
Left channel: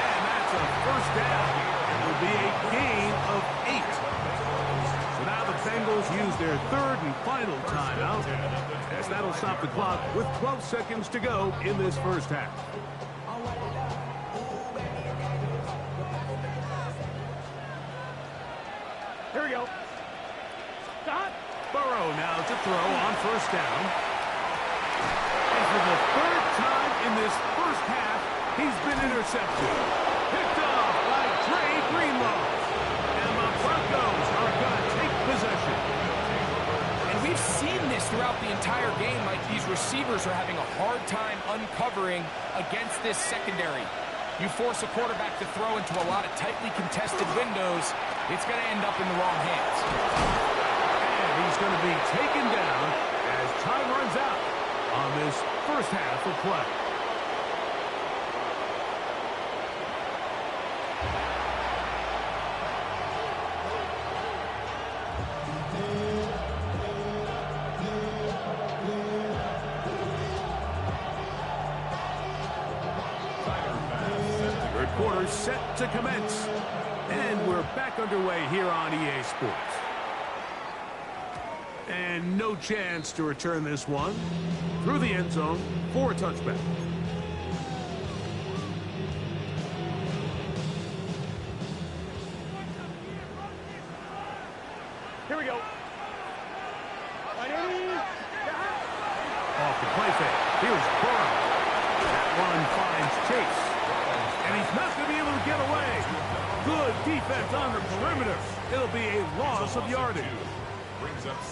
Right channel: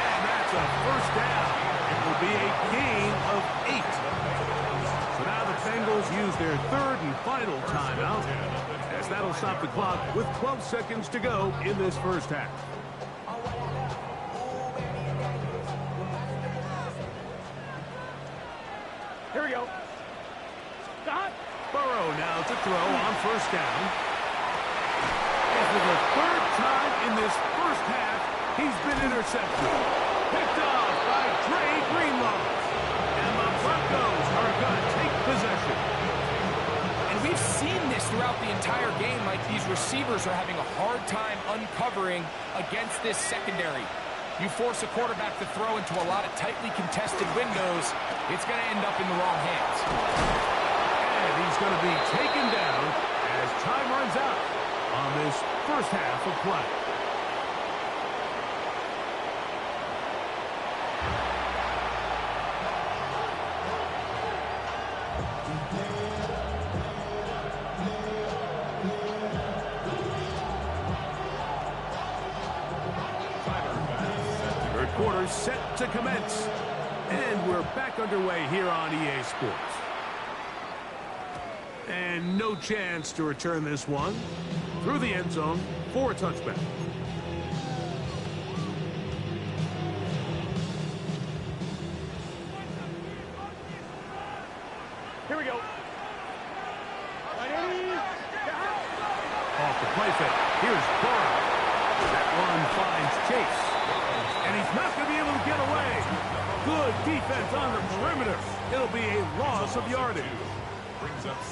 And that's a first down. It will be a gain of 8. So now the Bengals use their 3rd and final timeout, as that'll stop the clock with 12 seconds to go in this first half. Here we go. Stop. Burrow now to throw on first down. And for the 3rd time in this first half, he's been intercepted. Picked off by Dre Greenlaw. And the Broncos are going to take possession. And we've seen this throughout the entire game. Like, these receivers are having a hard time uncovering against this secondary. You force a quarterback to throw into a lot of tightly contested windows, it's going to end up in the wrong hands. And he's going to be taken down as time runs out on this first half of play. Third quarter set to commence. And we're back underway here on EA Sports. And no chance to return this one through the end zone for a touchback. Here we go. Off the play fake. Here's Burrow. That one finds Chase. And he's not going to be able to get away. Good defense on the perimeter. It'll be a loss of yardage.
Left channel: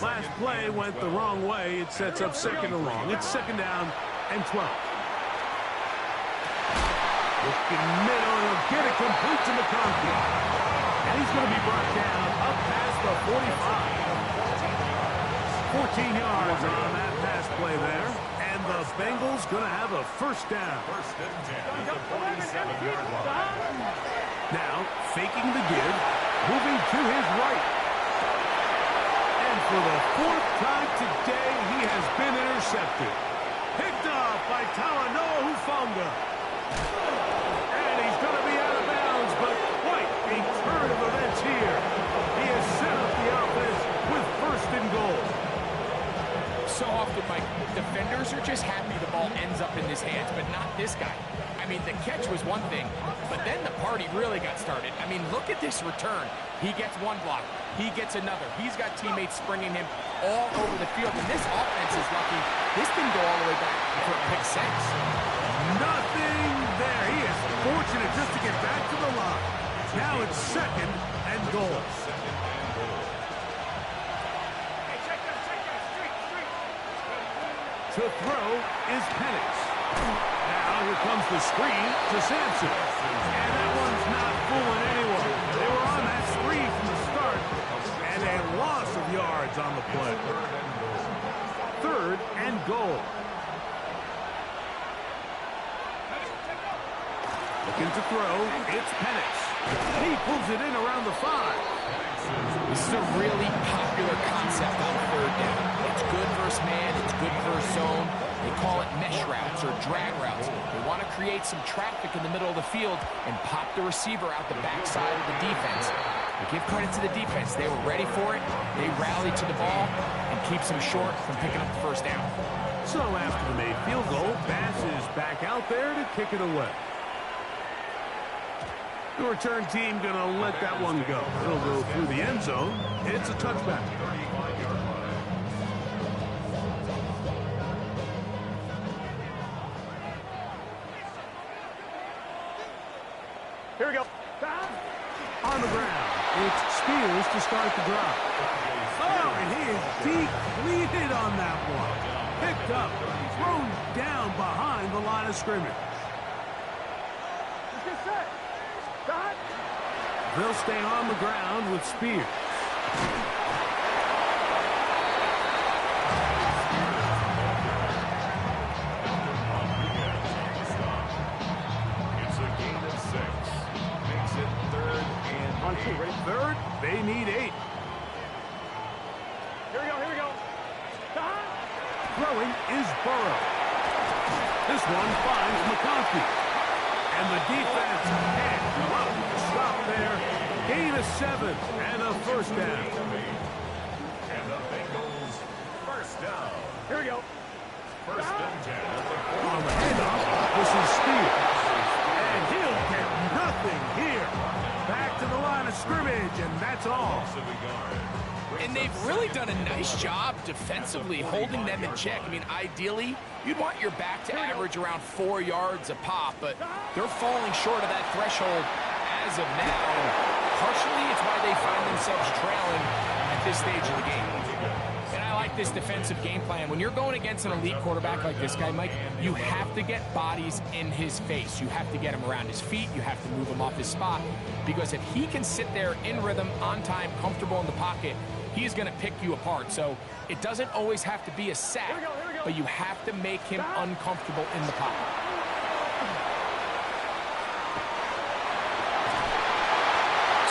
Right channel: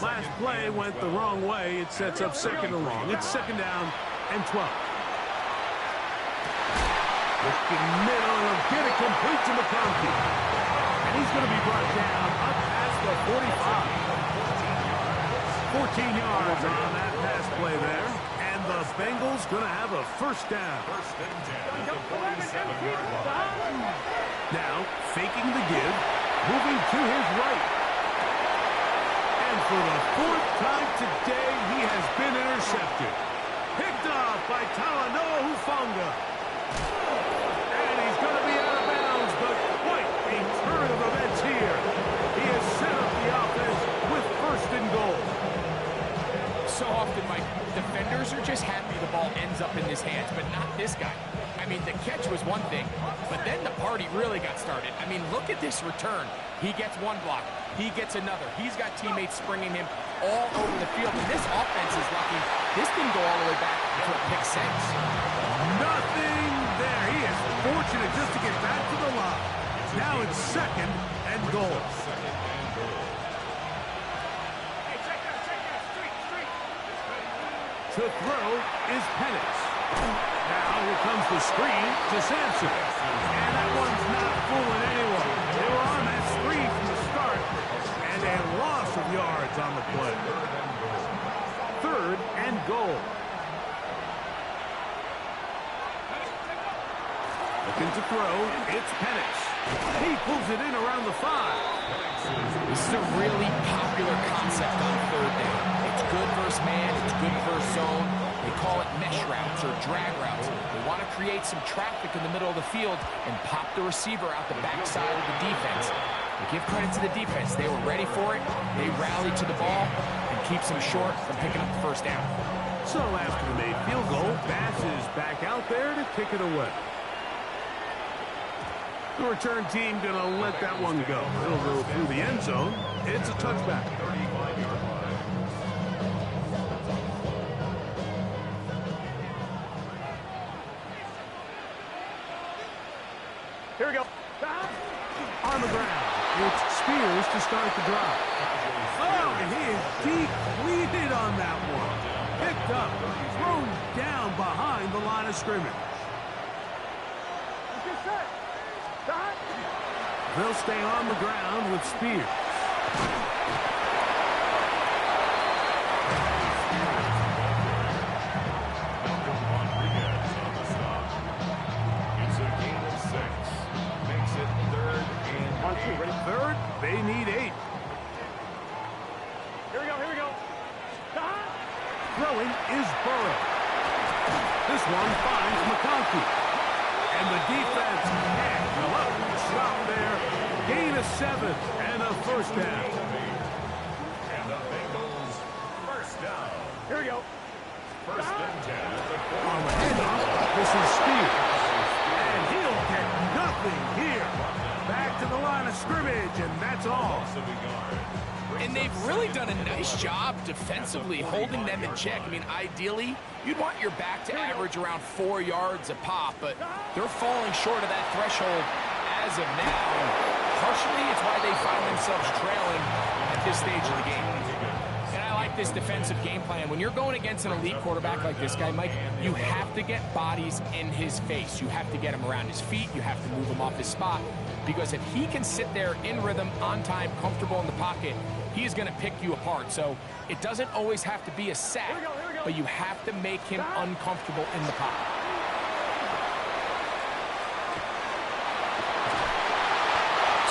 Last play went the wrong way. It sets up 2nd and long. It's 2nd down and 12. Looking middle, and he'll get it complete to McConkey. And he's going to be brought down up past the 45. 14 yards on that pass play there. And the Bengals going to have a first down. First and 10 at the 47-yard line. Now, faking the give, moving to his right. And for the 4th time today, he has been intercepted. Picked up by Talanoa Hufanga. And he's going to be out of bounds, but quite a turn of events here. He has set up the offense with first and goal. So often, Mike, defenders are just happy the ball ends up in his hands, but not this guy. I mean, the catch was one thing, but then the party really got started. I mean, look at this return. He gets one block. He gets another. He's got teammates springing him all over the field, and this offense is lucky. This didn't go all the way back for a pick six. Nothing there. He is fortunate just to get back to the line. Now it's second and goal. To throw is Penix. Now here comes the screen to Sampson. And that one's not fooling anyone. They were on that screen from the start. And a loss of yards on the play. Third and goal. Looking to throw, it's Penix. He pulls it in around the 5. This is a really popular concept on third down. It's good versus man, it's good versus zone. They call it mesh routes or drag routes. They want to create some traffic in the middle of the field and pop the receiver out the backside of the defense. But give credit to the defense. They were ready for it. They rallied to the ball and keeps them short from picking up the first down. So after the made field goal, Bass is back out there to kick it away. The return team going to let that one go. It'll go through the end zone. It's a touchback. 35-yard line. Here we go. On the ground, it's Spears to start the drive. Oh, and he is depleted on that one. Picked up, thrown down behind the line of scrimmage. Let's get set. Stop. They'll stay on the ground with Spears. Malcolm Rodriguez on the stop. It's a gain of 6. Makes it third and 8. Ready? Third, they need 8. Here we go. Here we go. Stop. Throwing is Burrow. This one finds McConkey. And the defense can't love the stop there. Gain of 7 and a first down. And the Bengals first down. Here we go. First and 10 at the On the handoff, this is Spears. And he'll get nothing here. Back to the line of scrimmage, and that's all. loss of a yard. And they've really done a nice job defensively holding them in check. I mean, ideally, you'd want your back to average around 4 yards a pop, but they're falling short of that threshold as of now. And partially, it's why they find themselves trailing at this stage of the game. And I like this defensive game plan. When you're going against an elite quarterback like this guy, Mike, you have to get bodies in his face. You have to get him around his feet. You have to move him off his spot. Because if he can sit there in rhythm, on time, comfortable in the pocket, he is going to pick you apart. So it doesn't always have to be a sack, but you have to make him uncomfortable in the pocket.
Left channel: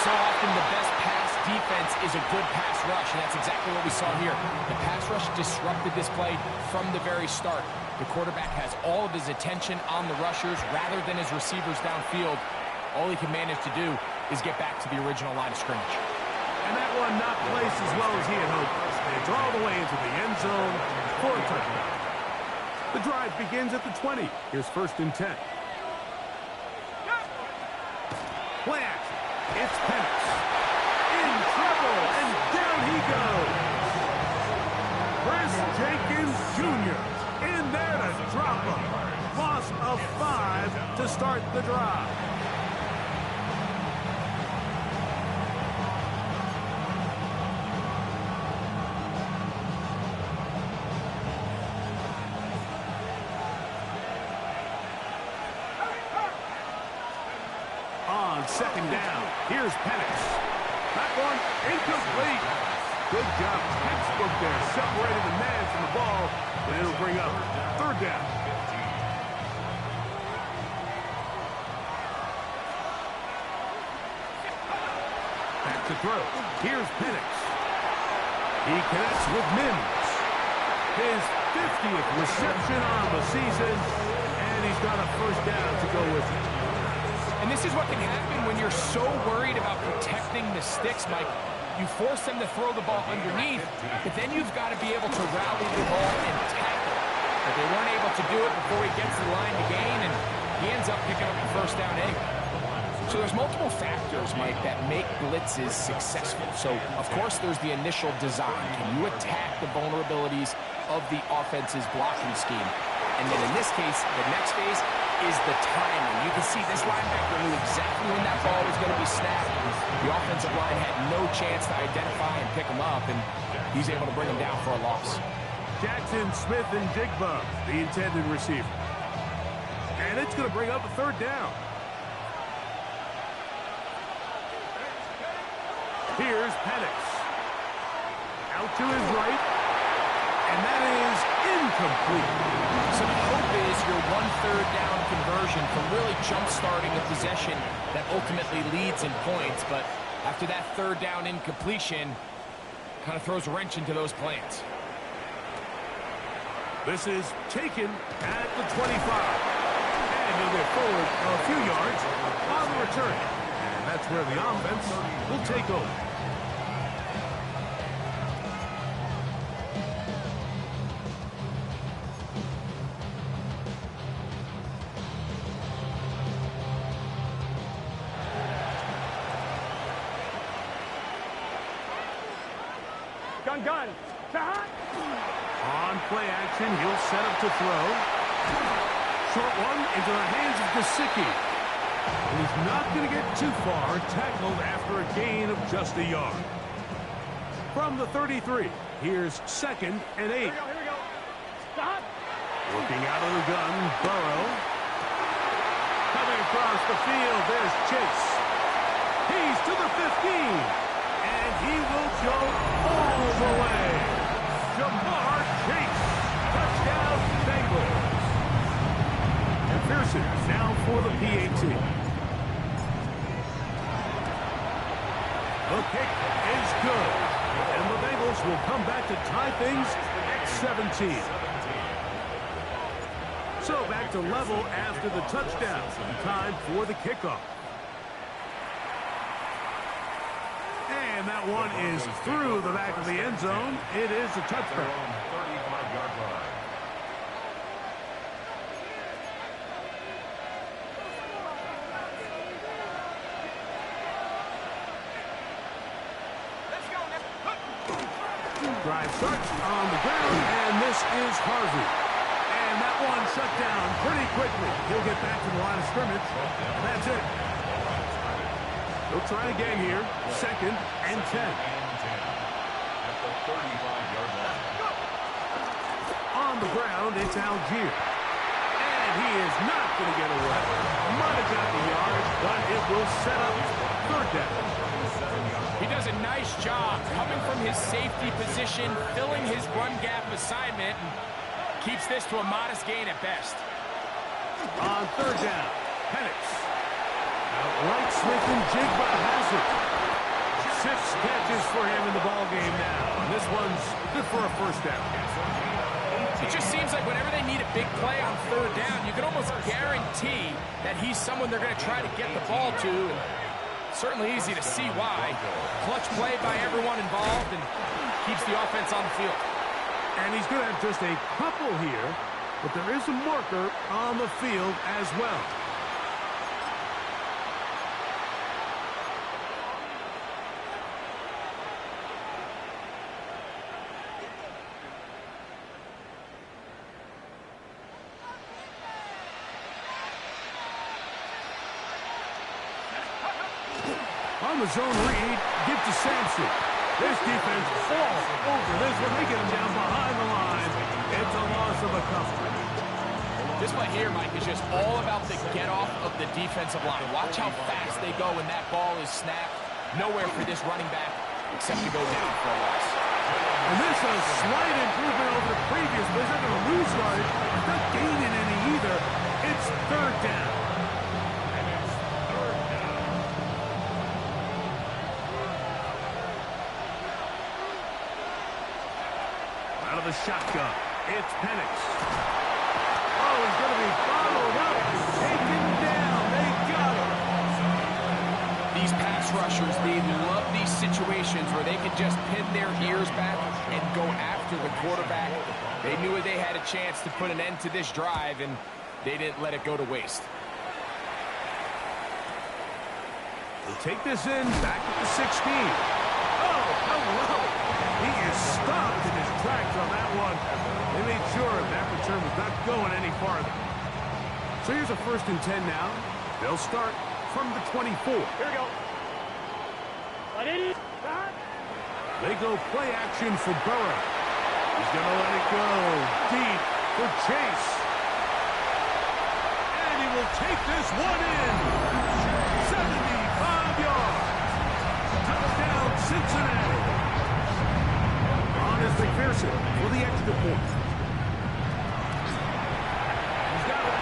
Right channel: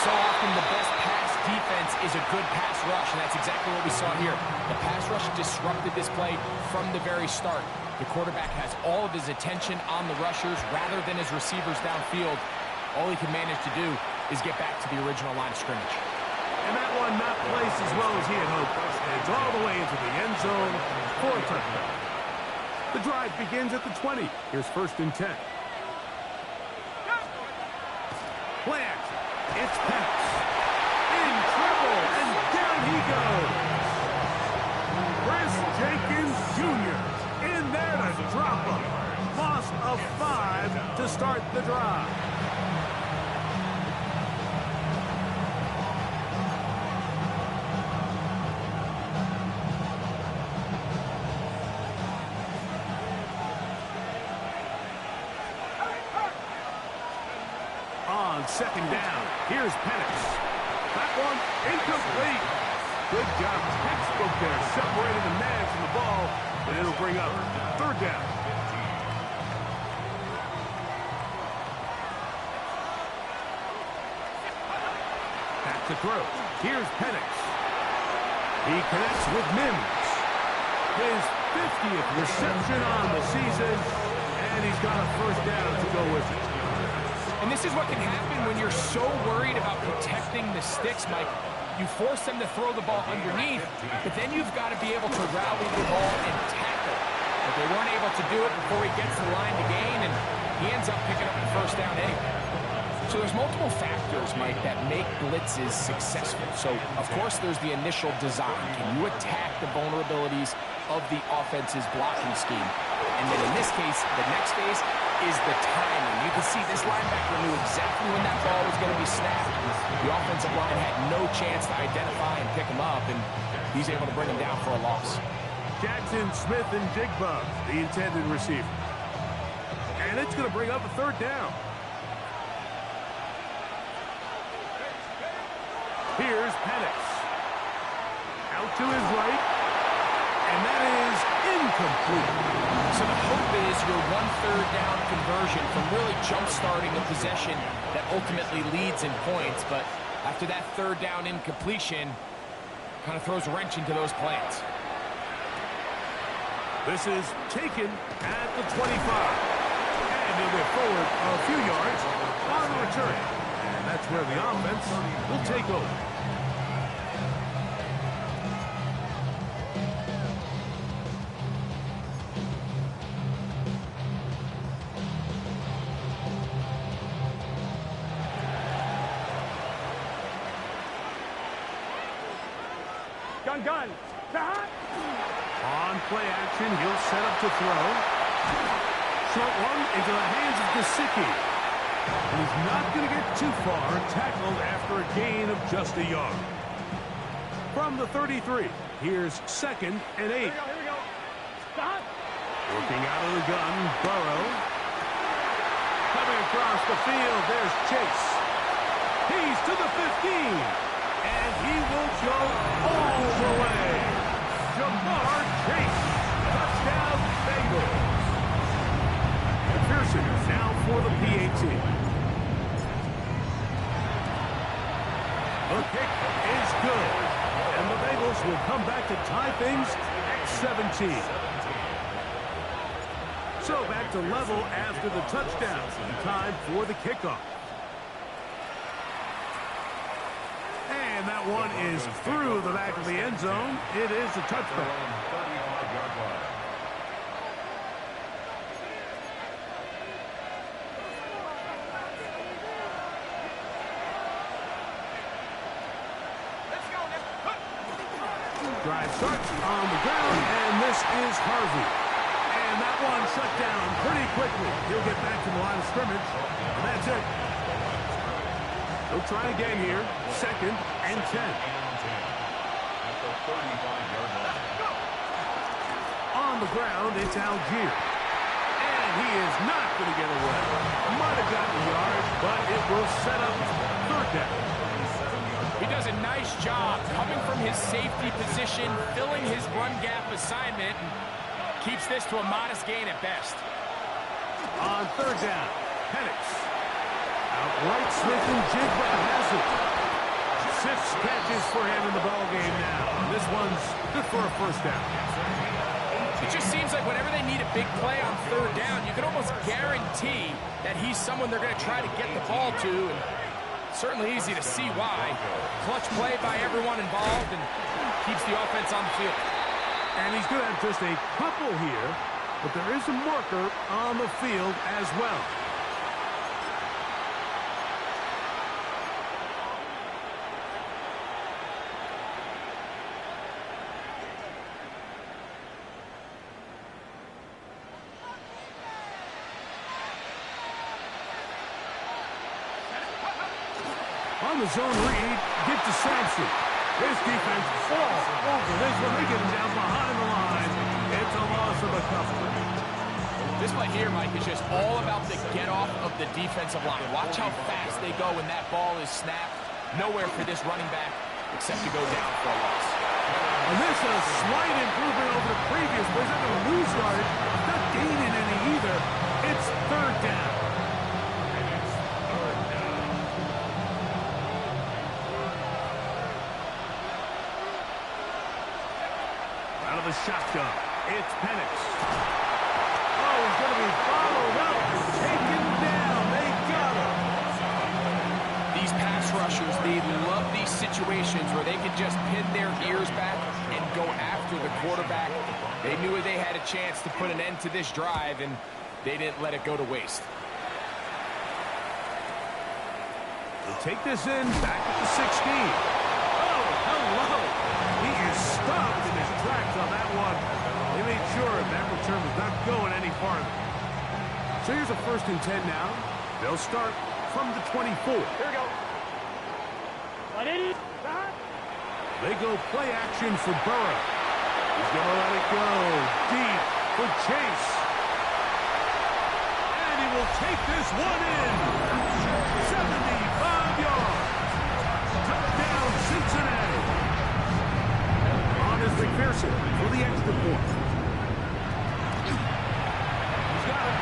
So often the best pass defense is a good pass rush, and that's exactly what we saw here. The pass rush disrupted this play from the very start. The quarterback has all of his attention on the rushers rather than his receivers downfield. All he can manage to do is get back to the original line of scrimmage. And that one not placed as well as he had hoped. It's all the way into the end zone for a touchdown. The drive begins at the 20. Here's first and 10. Play action. It's Penix. In trouble, and down he goes. Chris Jenkins Jr. in there to drop him. Loss of 5 to start the drive. On second down, here's Penix. That one incomplete. Good job, textbook there, separating the man from the ball, and it'll bring up third down. Back to throw. Here's Penix. He connects with Mims. His 50th reception on the season, and he's got a first down to go with it. And this is what can happen when you're so worried about protecting the sticks, Mike. You force them to throw the ball underneath, but then you've got to be able to rally the ball and tackle. But they weren't able to do it before he gets the line to gain, and he ends up picking up the first down anyway. So there's multiple factors, Mike, that make blitzes successful. So, of course, there's the initial design. Can you attack the vulnerabilities of the offense's blocking scheme? And then in this case, the next phase is the timing. You can see this linebacker knew exactly when that ball was going to be snapped. The offensive line had no chance to identify and pick him up, and he's able to bring him down for a loss. Jackson, Smith, and Jigba, the intended receiver. And it's going to bring up a third down. Here's Penix. Out to his right. And that is incomplete. So the hope is your 1/3 down conversion from really jump-starting a possession that ultimately leads in points. But after that third down incompletion, kind of throws a wrench into those plans. This is taken at the 25. And he'll get forward a few yards on the return. And that's where the offense will take over. Gun. Shot. On play action, he'll set up to throw. Short one into the hands of Gesicki. And he's not going to get too far, tackled after a gain of just a yard. From the 33, here's 2nd and 8. Here we go. Stop. Working out of the gun, Burrow. Coming across the field, there's Chase. He's to the 15. And he will go all the way. Jamar Chase. Touchdown, Bengals. McPherson now for the PAT. The kick is good. And the Bengals will come back to tie things at 17. So back to level after the touchdown. Time for the kickoff. And that one is through the back of the end zone. It is a touchback. 35-yard line. Drive starts on the ground, and this is Harvey. And that one shut down pretty quickly. He'll get back to the line of scrimmage, and that's it. They'll try again here. 2nd and 10. At the 35-yard line. On the ground, it's Algier. And he is not going to get away. Might have gotten a yard, but it will set up 3rd down. He does a nice job coming from his safety position, filling his run gap assignment, and keeps this to a modest gain at best. On 3rd down, Penix. Outright, Smith and Jigba has it. 6 catches for him in the ball game now. And this one's good for a first down. It just seems like whenever they need a big play on 3rd down, you can almost guarantee that he's someone they're going to try to get the ball to. And certainly easy to see why. Clutch play by everyone involved and keeps the offense on the field. And he's going to have just a couple here, but there is a marker on the field as well. On the zone read, get to Sampson. This defense falls over this one. They get him down behind the line. It's a loss of a couple. This play here, Mike, is just all about the get-off of the defensive line. Watch how fast they go when that ball is snapped. Nowhere for this running back except to go down for a loss. And this is a slight improvement over the previous play. He's not going to lose yardage. He's not gaining any either. It's 3rd down. Out of the shotgun. It's Penix. Oh, he's going to be followed up and taken down. They got him. These pass rushers, they love these situations where they can just pin their ears back and go after the quarterback. They knew they had a chance to put an end to this drive, and they didn't let it go to waste. They'll take this in back at the 16. Oh, hello. He is stopped in his tracks on that one. They made sure that return was not going any farther. So here's a 1st and 10 now. They'll start from the 24. Here we go. They go play action for Burrow. He's going to let it go deep for Chase. And he will take this one in. 75 yards. Touchdown, Cincinnati. On is McPherson for the extra point. He's got it.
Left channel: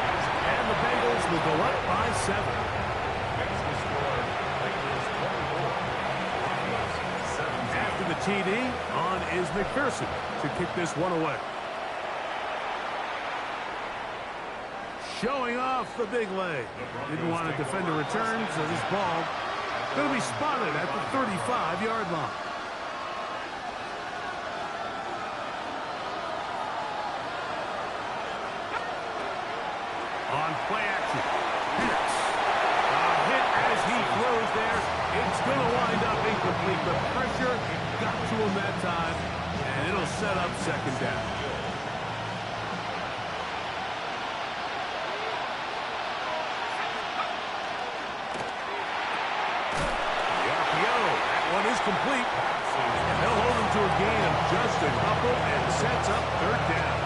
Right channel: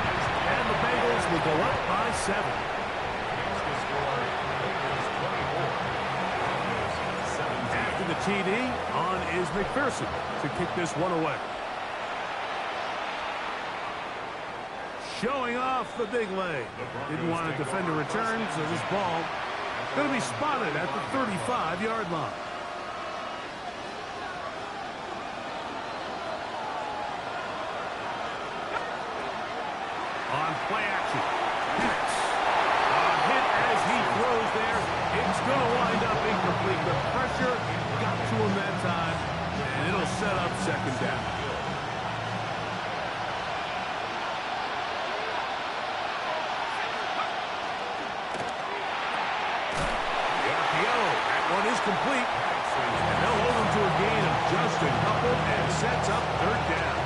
And the Bengals will go up by 7. Makes the score Bengals 24, Broncos 17. After the TD, on is McPherson to kick this one away. Showing off the big leg. Didn't want to defend a return, so this ball going to be spotted at the 35-yard line. On play action, Penix. A hit as he throws there. It's going to wind up incomplete. The pressure got to him that time, and it'll set up 2nd down. The RPO, that one is complete. And they'll hold him to a gain of just a couple and sets up 3rd down.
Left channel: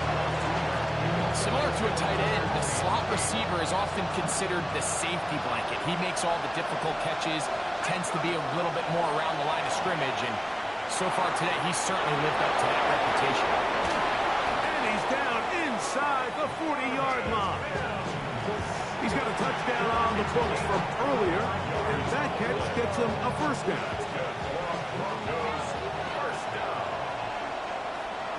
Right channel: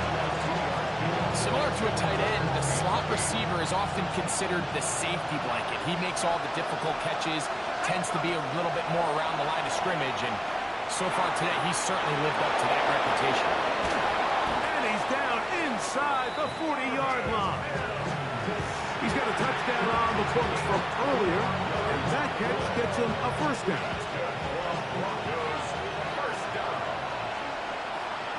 Similar to a tight end, the slot receiver is often considered the safety blanket. He makes all the difficult catches, tends to be a little bit more around the line of scrimmage, and so far today, he's certainly lived up to that reputation. And he's down inside the 40-yard line. He's got a touchdown on the books from earlier, and that catch gets him a 1st down.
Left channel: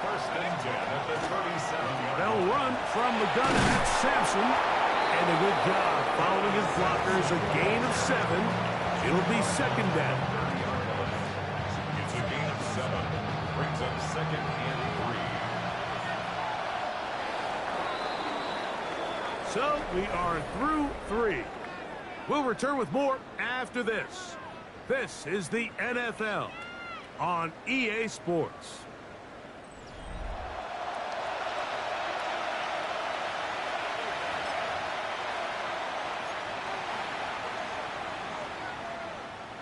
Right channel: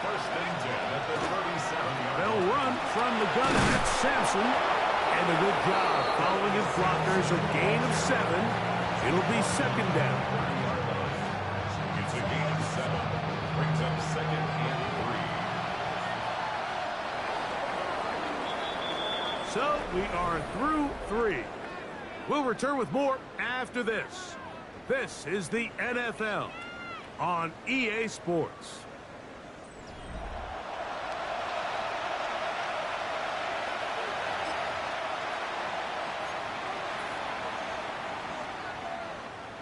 First and 10 at the 37-yard. They'll run from the gun, and that's Sampson. And a good job following his blockers. A gain of 7. It'll be 2nd down. It's a gain of 7. Brings up 2nd and 3. So we are through 3. We'll return with more after this. This is the NFL on EA Sports.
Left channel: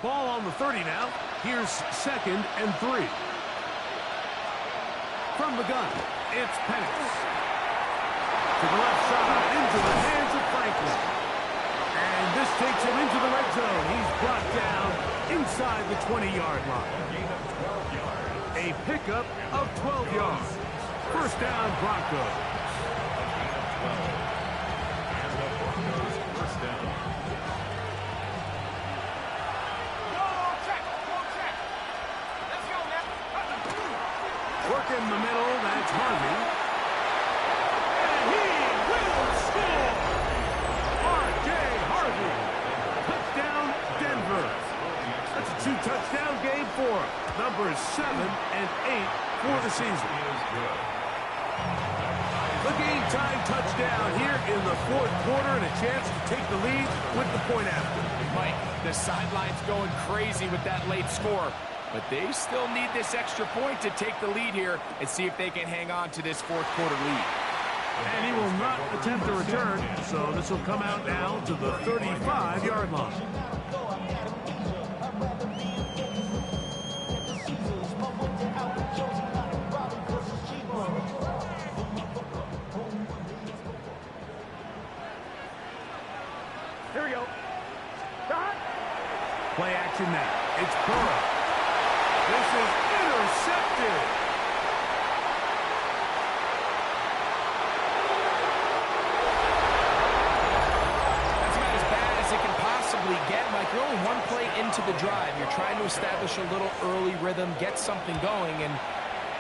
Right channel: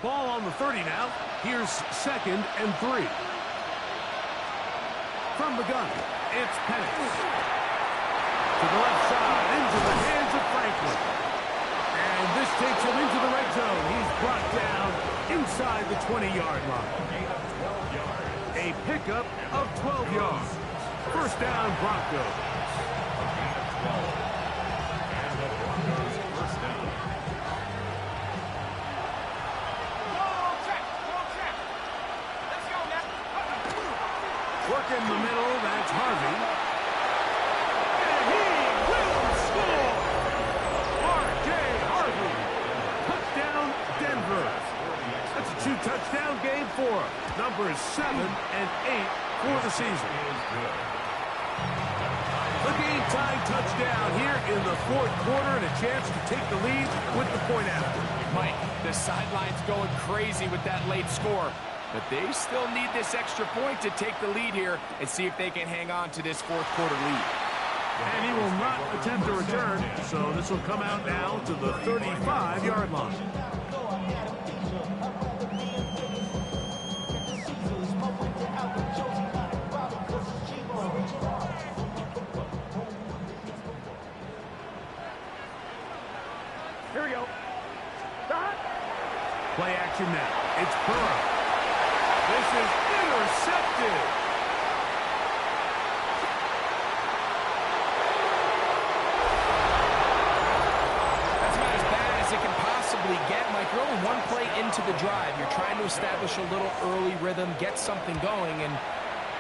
Ball on the 30 now. Here's 2nd and 3. From the gun, it's Penix. To the left side, into the hands of Franklin. And this takes him into the red zone. He's brought down inside the 20-yard line. A pickup of 12 yards. 1st down, Broncos. A gain of 12. And the Broncos 1st down. Work in the middle, that's Harvey. And he will score! R.J. Harvey. Touchdown, Denver. That's a 2-touchdown game for him. Numbers 7 and 8 for the season. The game-tying touchdown here in the 4th quarter and a chance to take the lead with the point after. Mike, the sideline's going crazy with that late score. But they still need this extra point to take the lead here and see if they can hang on to this 4th quarter lead. And he will not attempt a return, so this will come out now to the 35-yard line. Here we go. Play action now. It's Burrow. This is intercepted. That's about as bad as it can possibly get, Mike. You're only one play into the drive. You're trying to establish a little early rhythm, get something going, and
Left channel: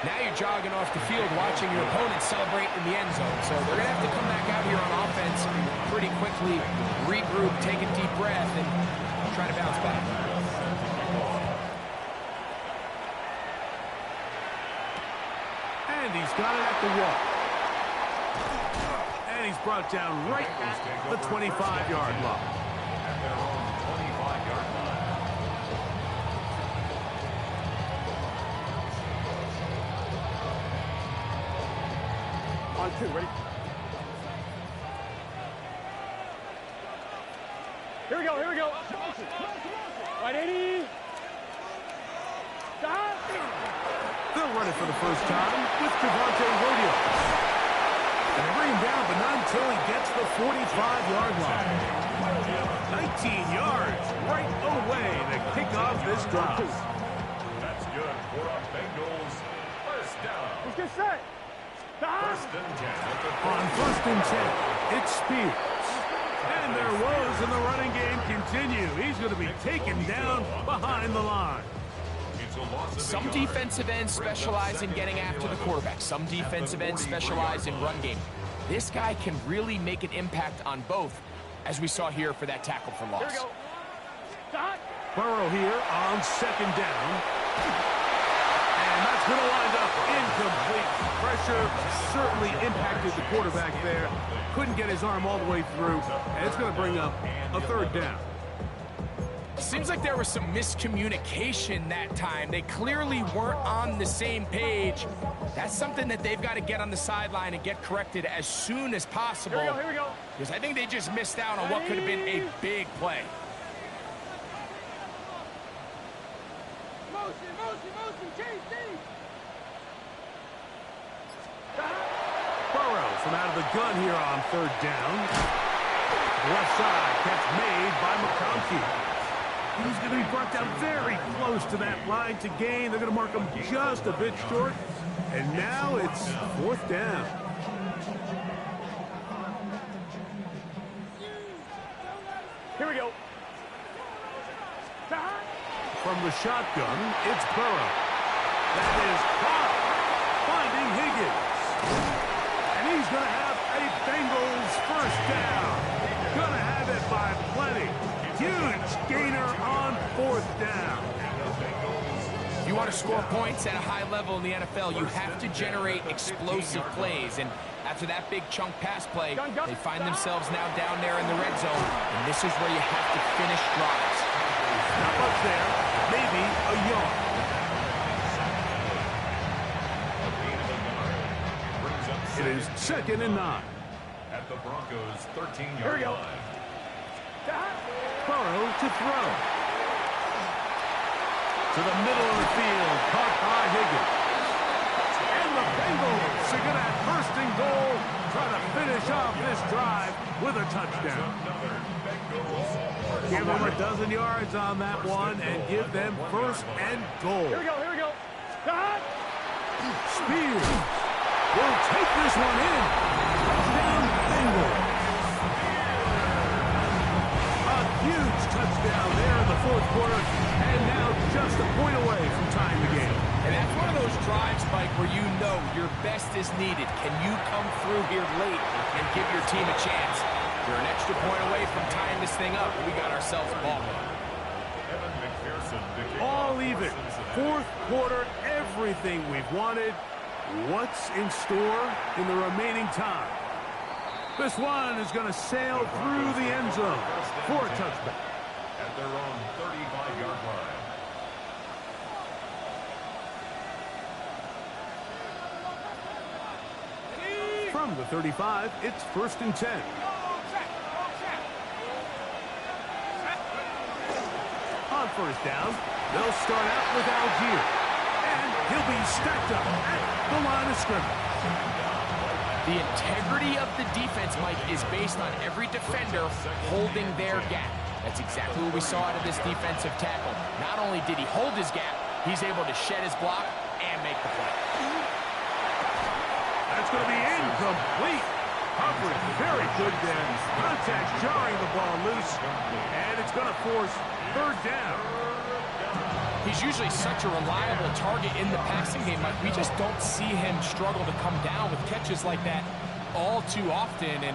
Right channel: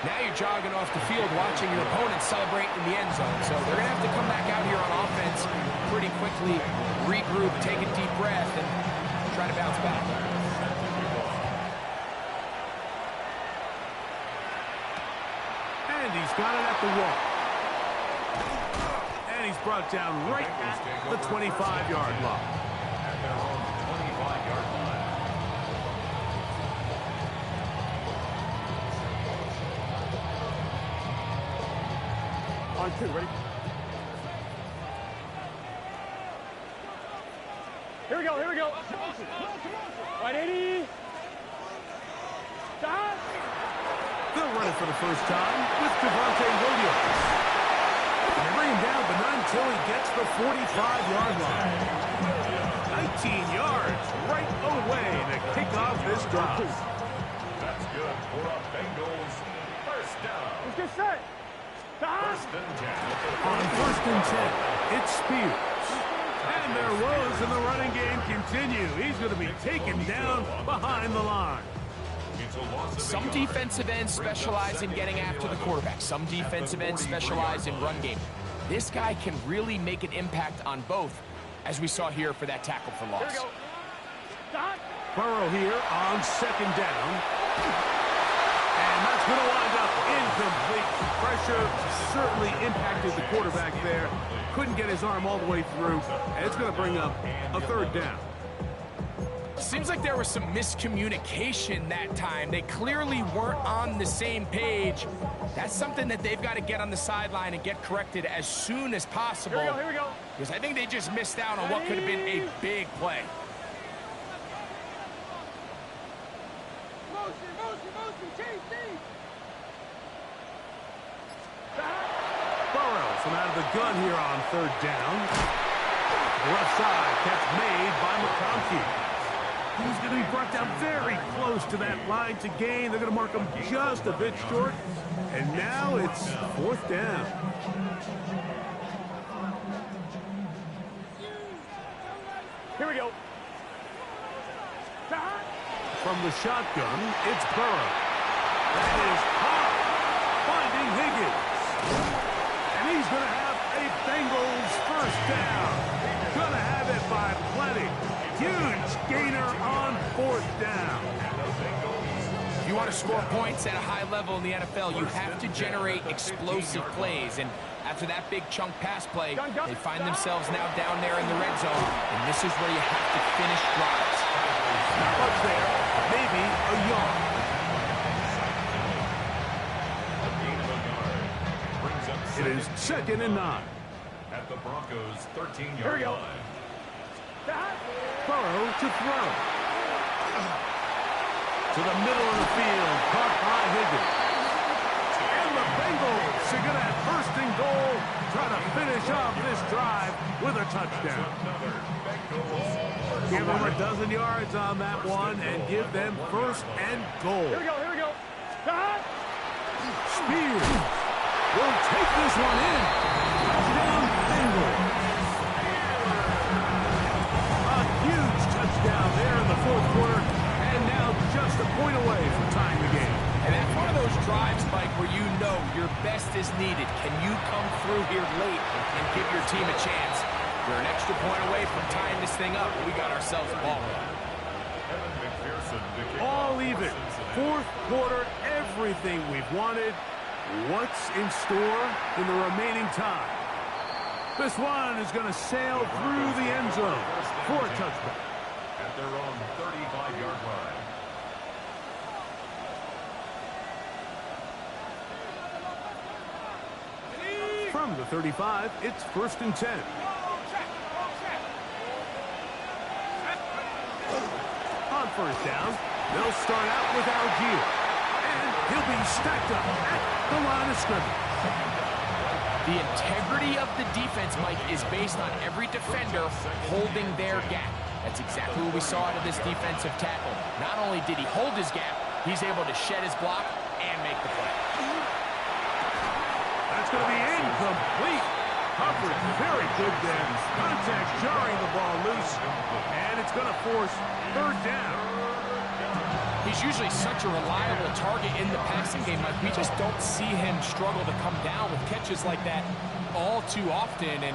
Now you're jogging off the field watching your opponent celebrate in the end zone. So they're going to have to come back out here on offense pretty quickly, regroup, take a deep breath, and try to bounce back. And he's got it at the 1. And he's brought down right at the 25-yard line. At their own 25-yard line. On 2, ready? Here we go, here we go. Right, 80. Stop. They'll run it for the first time with Williams. And they bring him down, but not until he gets the 45-yard line. 19 yards right away to kick off this drive. That's good for a Bengals first down. Let's get set. First and 10 at the On first and 10, it's Spears. And their woes in the running game continue. He's going to be taken down behind the line. It's a loss of Some a yard. defensive ends specialize in getting after the quarterback. Some defensive ends specialize in run game. This guy can really make an impact on both, as we saw here for that tackle for loss. Here we go. Stop. Burrow here on second down. And that's going to wind up incomplete. Pressure certainly impacted the quarterback there. Couldn't get his arm all the way through. And it's going to bring up a third down. Seems like there was some miscommunication that time. They clearly weren't on the same page. That's something that they've got to get on the sideline and get corrected as soon as possible. Here we go, here we go. Because I think they just missed out on what could have been a big play. Motion, chase, Burrow from out of the gun here on third down. Left side catch made by McConkey. He's going to be brought down very close to that line to gain. They're going to mark him just a bit short. And now it's fourth down. Here we go. From the shotgun, it's Burrow. That is Cobb finding Higgins. And he's going to have a Bengals first down. Going to have it by plenty. Huge gainer on fourth down. If you want to score points at a high level in the NFL, you have to generate explosive plays. And after that big chunk pass play, they find themselves now down there in the red zone. And this is where you have to finish drives. Not much there. Maybe a yard. It is second and 9. At the Broncos' 13-yard line. Burrow to throw. To the middle of the field, caught by Higgins. And the Bengals are going to have first and goal, try to finish off this drive with a touchdown. Give them a dozen yards on that one and give them first and goal. Here we go, here we go. Spears will take this one in. Touchdown, Bengals. A huge touchdown there in the fourth quarter, and now just a point away from tying the game. And that's one of those drives, Mike, where you know your best is needed. Can you come through here late and give your team a chance? We're an extra point away from tying this thing up. We got ourselves a ball game. All even. Fourth quarter, everything we've wanted. What's in store in the remaining time? This one is going to sail through the end zone for a touchback. At their own 35-yard line. From the 35, it's first and 10. On first down, they'll start out with Algier. And he'll be stacked up at the line of scrimmage. The integrity of the defense, Mike, is based on every defender holding their gap. That's exactly what we saw out of this defensive tackle. Not only did he hold his gap, he's able to shed his block and make the play. That's going to be incomplete. Coverage very good there. Contact jarring the ball loose. And it's going to force third down. He's usually such a reliable target in the passing game, Mike. We just don't see him struggle to come down with catches like that all too often. And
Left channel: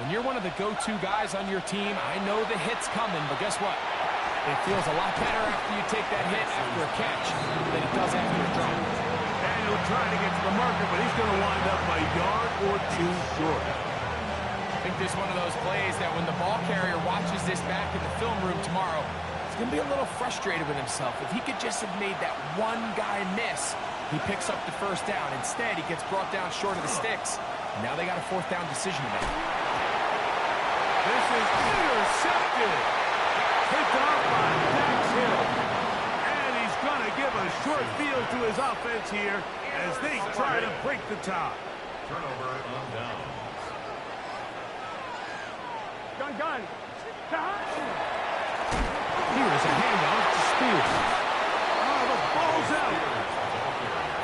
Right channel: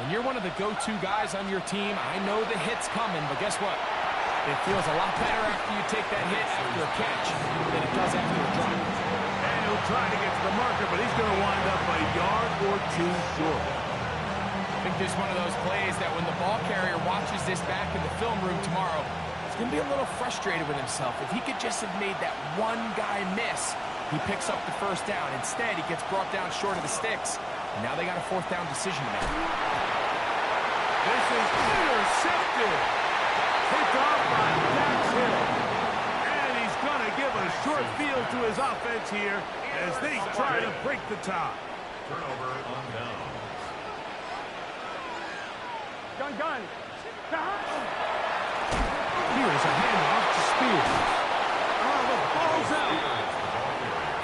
when you're one of the go-to guys on your team, I know the hit's coming, but guess what? It feels a lot better after you take that hit after a catch than it does after a drop. And he'll try to get to the marker, but he's going to wind up a yard or two short. I think this is one of those plays that when the ball carrier watches this back in the film room tomorrow, he's going to be a little frustrated with himself. If he could just have made that one guy miss, he picks up the first down. Instead, he gets brought down short of the sticks. Now they got a fourth down decision to make. This is intercepted. Picked off by Dax Hill. And he's going to give a short field to his offense here as they try to break the tie. Turnover on down. Gun. Here is a handoff to Spears. Oh, the ball's out.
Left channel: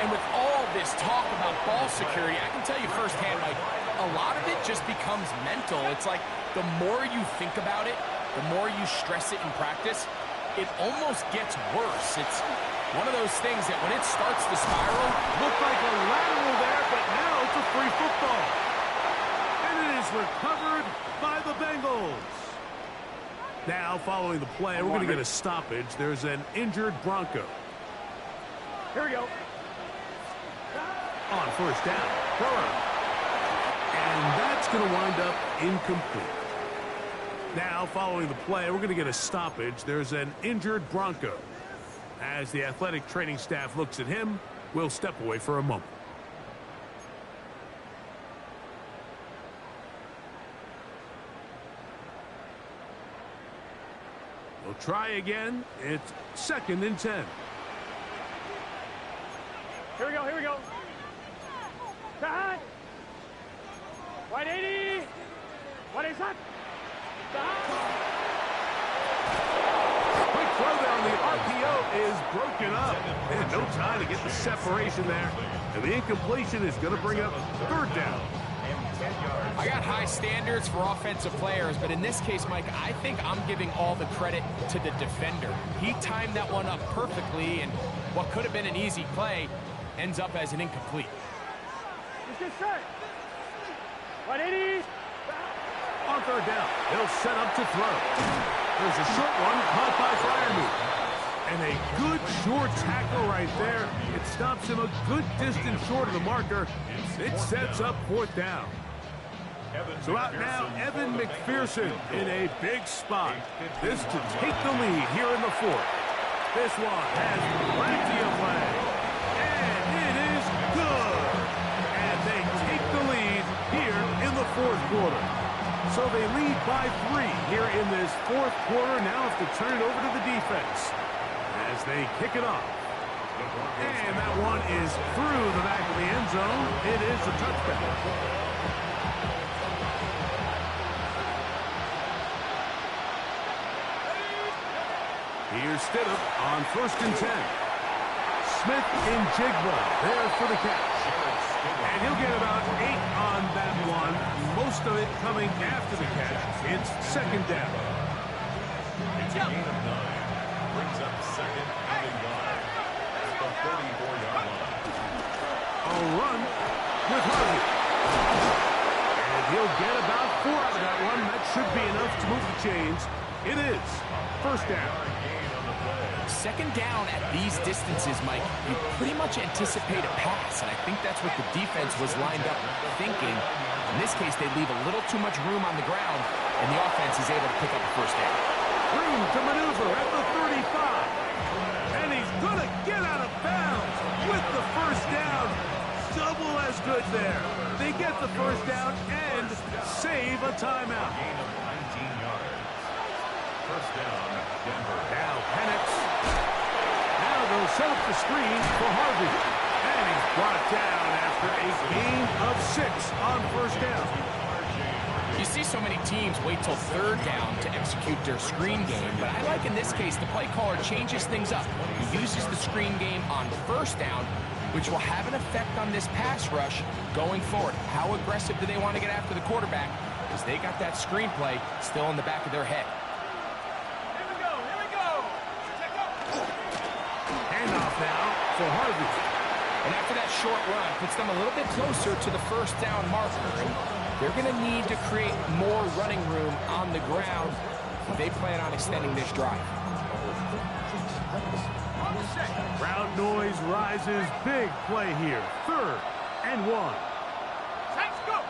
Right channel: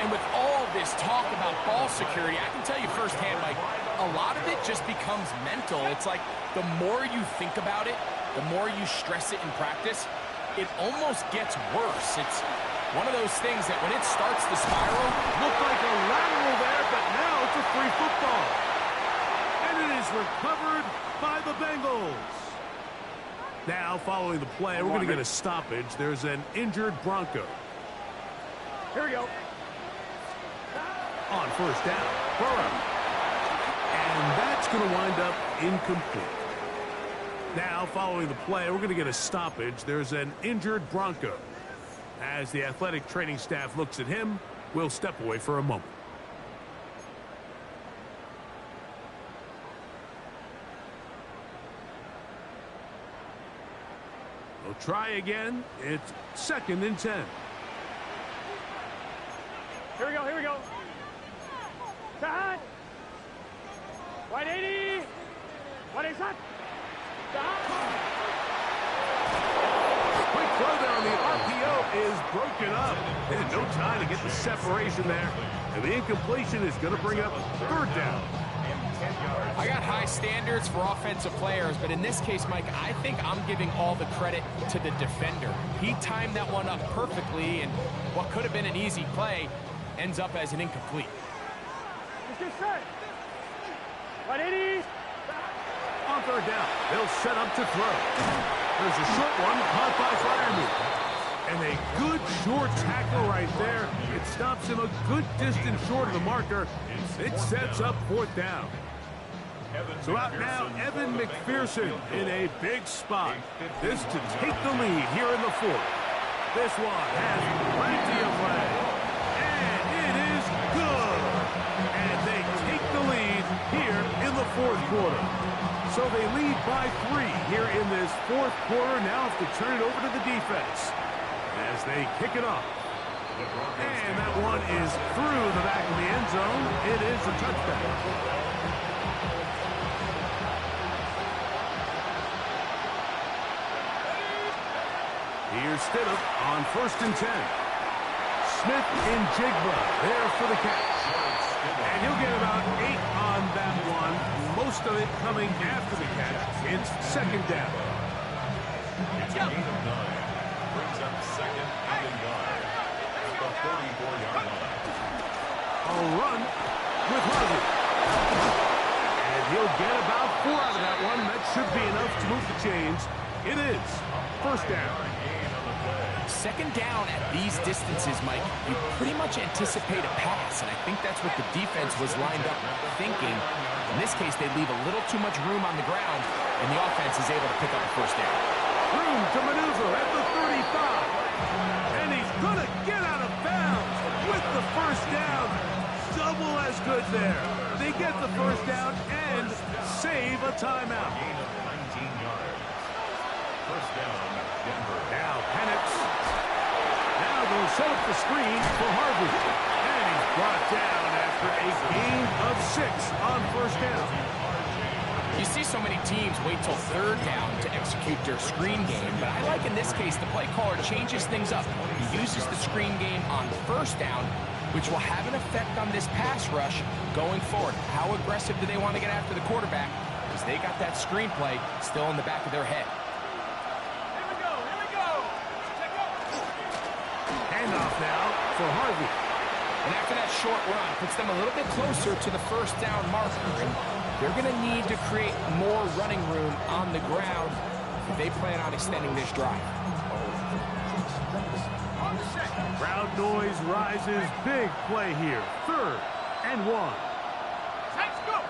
And with all this talk about ball security, I can tell you firsthand, Mike, a lot of it just becomes mental. It's like the more you think about it, the more you stress it in practice, it almost gets worse. It's one of those things that when it starts to spiral, Looked like a lateral there, but now it's a free football. And it is recovered by the Bengals. Now, following the play, we're going to get a stoppage. There's an injured Bronco. Here we go. On first down, Burrow. And that's going to wind up incomplete. Now, following the play, we're going to get a stoppage. There's an injured Bronco. As the athletic training staff looks at him, we'll step away for a moment. We'll try again. It's 2nd and 10. Here we go. Side. 180. What is that? Quick throw there on the RPO is broken up. And no time to get the separation there. And the incompletion is going to bring up 3rd down. I got high standards for offensive players, but in this case, Mike, I think I'm giving all the credit to the defender. He timed that one up perfectly, and what could have been an easy play ends up as an incomplete. Let's get set. 180. On 3rd down, they'll set up to throw. There's a short one caught by Freiermuth. And a good short tackle right there. It stops him a good distance short of the marker. It sets up 4th down. So out now, Evan McPherson in a big spot. This to take the lead here in the 4th. This one has plenty of leg. And it is good. And they take the lead here in the 4th quarter. So they lead by 3 here in this 4th quarter. Now have to turn it over to the defense as they kick it off. And that one is through the back of the end zone. It is a touchback. Here's Stidham on 1st and 10. Smith and Jigba there for the catch. And he'll get about 8 on that one. Most of it coming after the catch. It's 2nd down. It's a gain of 9. Brings up 2nd and a yard. At the 44-yard line. A run with Harvey. And he'll get about 4 out of that one. That should be enough to move the chains. It is 1st down. 2nd down at these distances, Mike, you pretty much anticipate a pass, and I think that's what the defense was lined up thinking. In this case, they leave a little too much room on the ground, and the offense is able to pick up a 1st down. Room to maneuver at the 35. And he's going to get out of bounds with the 1st down. Double as good there. They get the 1st down and save a timeout. Gain of 19 yards. 1st down, Denver. Now Penix. Now they'll set up the screen for Harvey. And he's brought down after a gain of 6 on 1st down. You see so many teams wait till 3rd down to execute their screen game, but I like in this case the play caller changes things up. He uses the screen game on 1st down, which will have an effect on this pass rush going forward. How aggressive do they want to get after the quarterback? Because they got that screenplay still in the back of their head. Handoff now for Harvey. And after that short run, puts them a little bit closer to the first down marker. And they're going to need to create more running room on the ground if they plan on extending this drive. Crowd noise rises. Big play here. 3rd and 1. Let's go.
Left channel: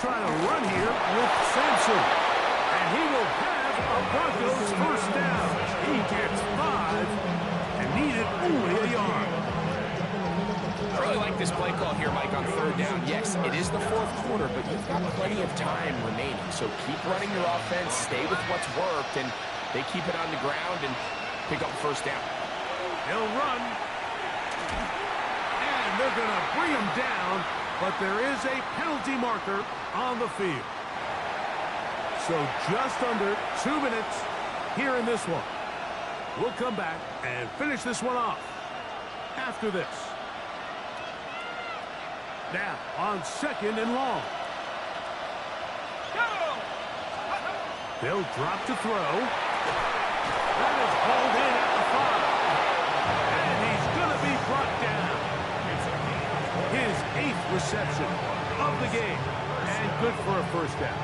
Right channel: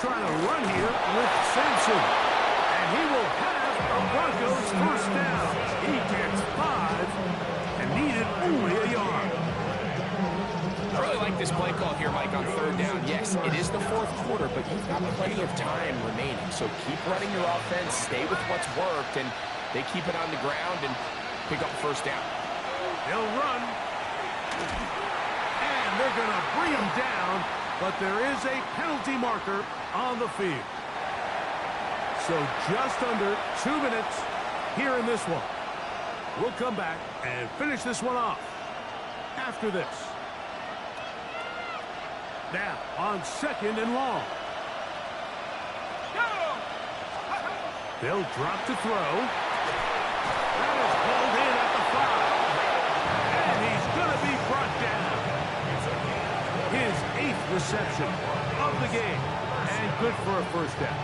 Trying to run here with Sampson. And he will have a Broncos first down. He gets 5 and needed only a yard. I really like this play call here, Mike, on 3rd down. Yes, it is the 4th quarter, but you've got plenty of time remaining. So keep running your offense, stay with what's worked, and they keep it on the ground and pick up first down. They'll run. And they're going to bring him down, but there is a penalty marker on the field. So just under 2 minutes here in this one. We'll come back and finish this one off after this. Now on 2nd and long. They'll drop to throw. That is hauled in at the 5. And he's going to be brought down. His 8th reception of the game. And good for a first down.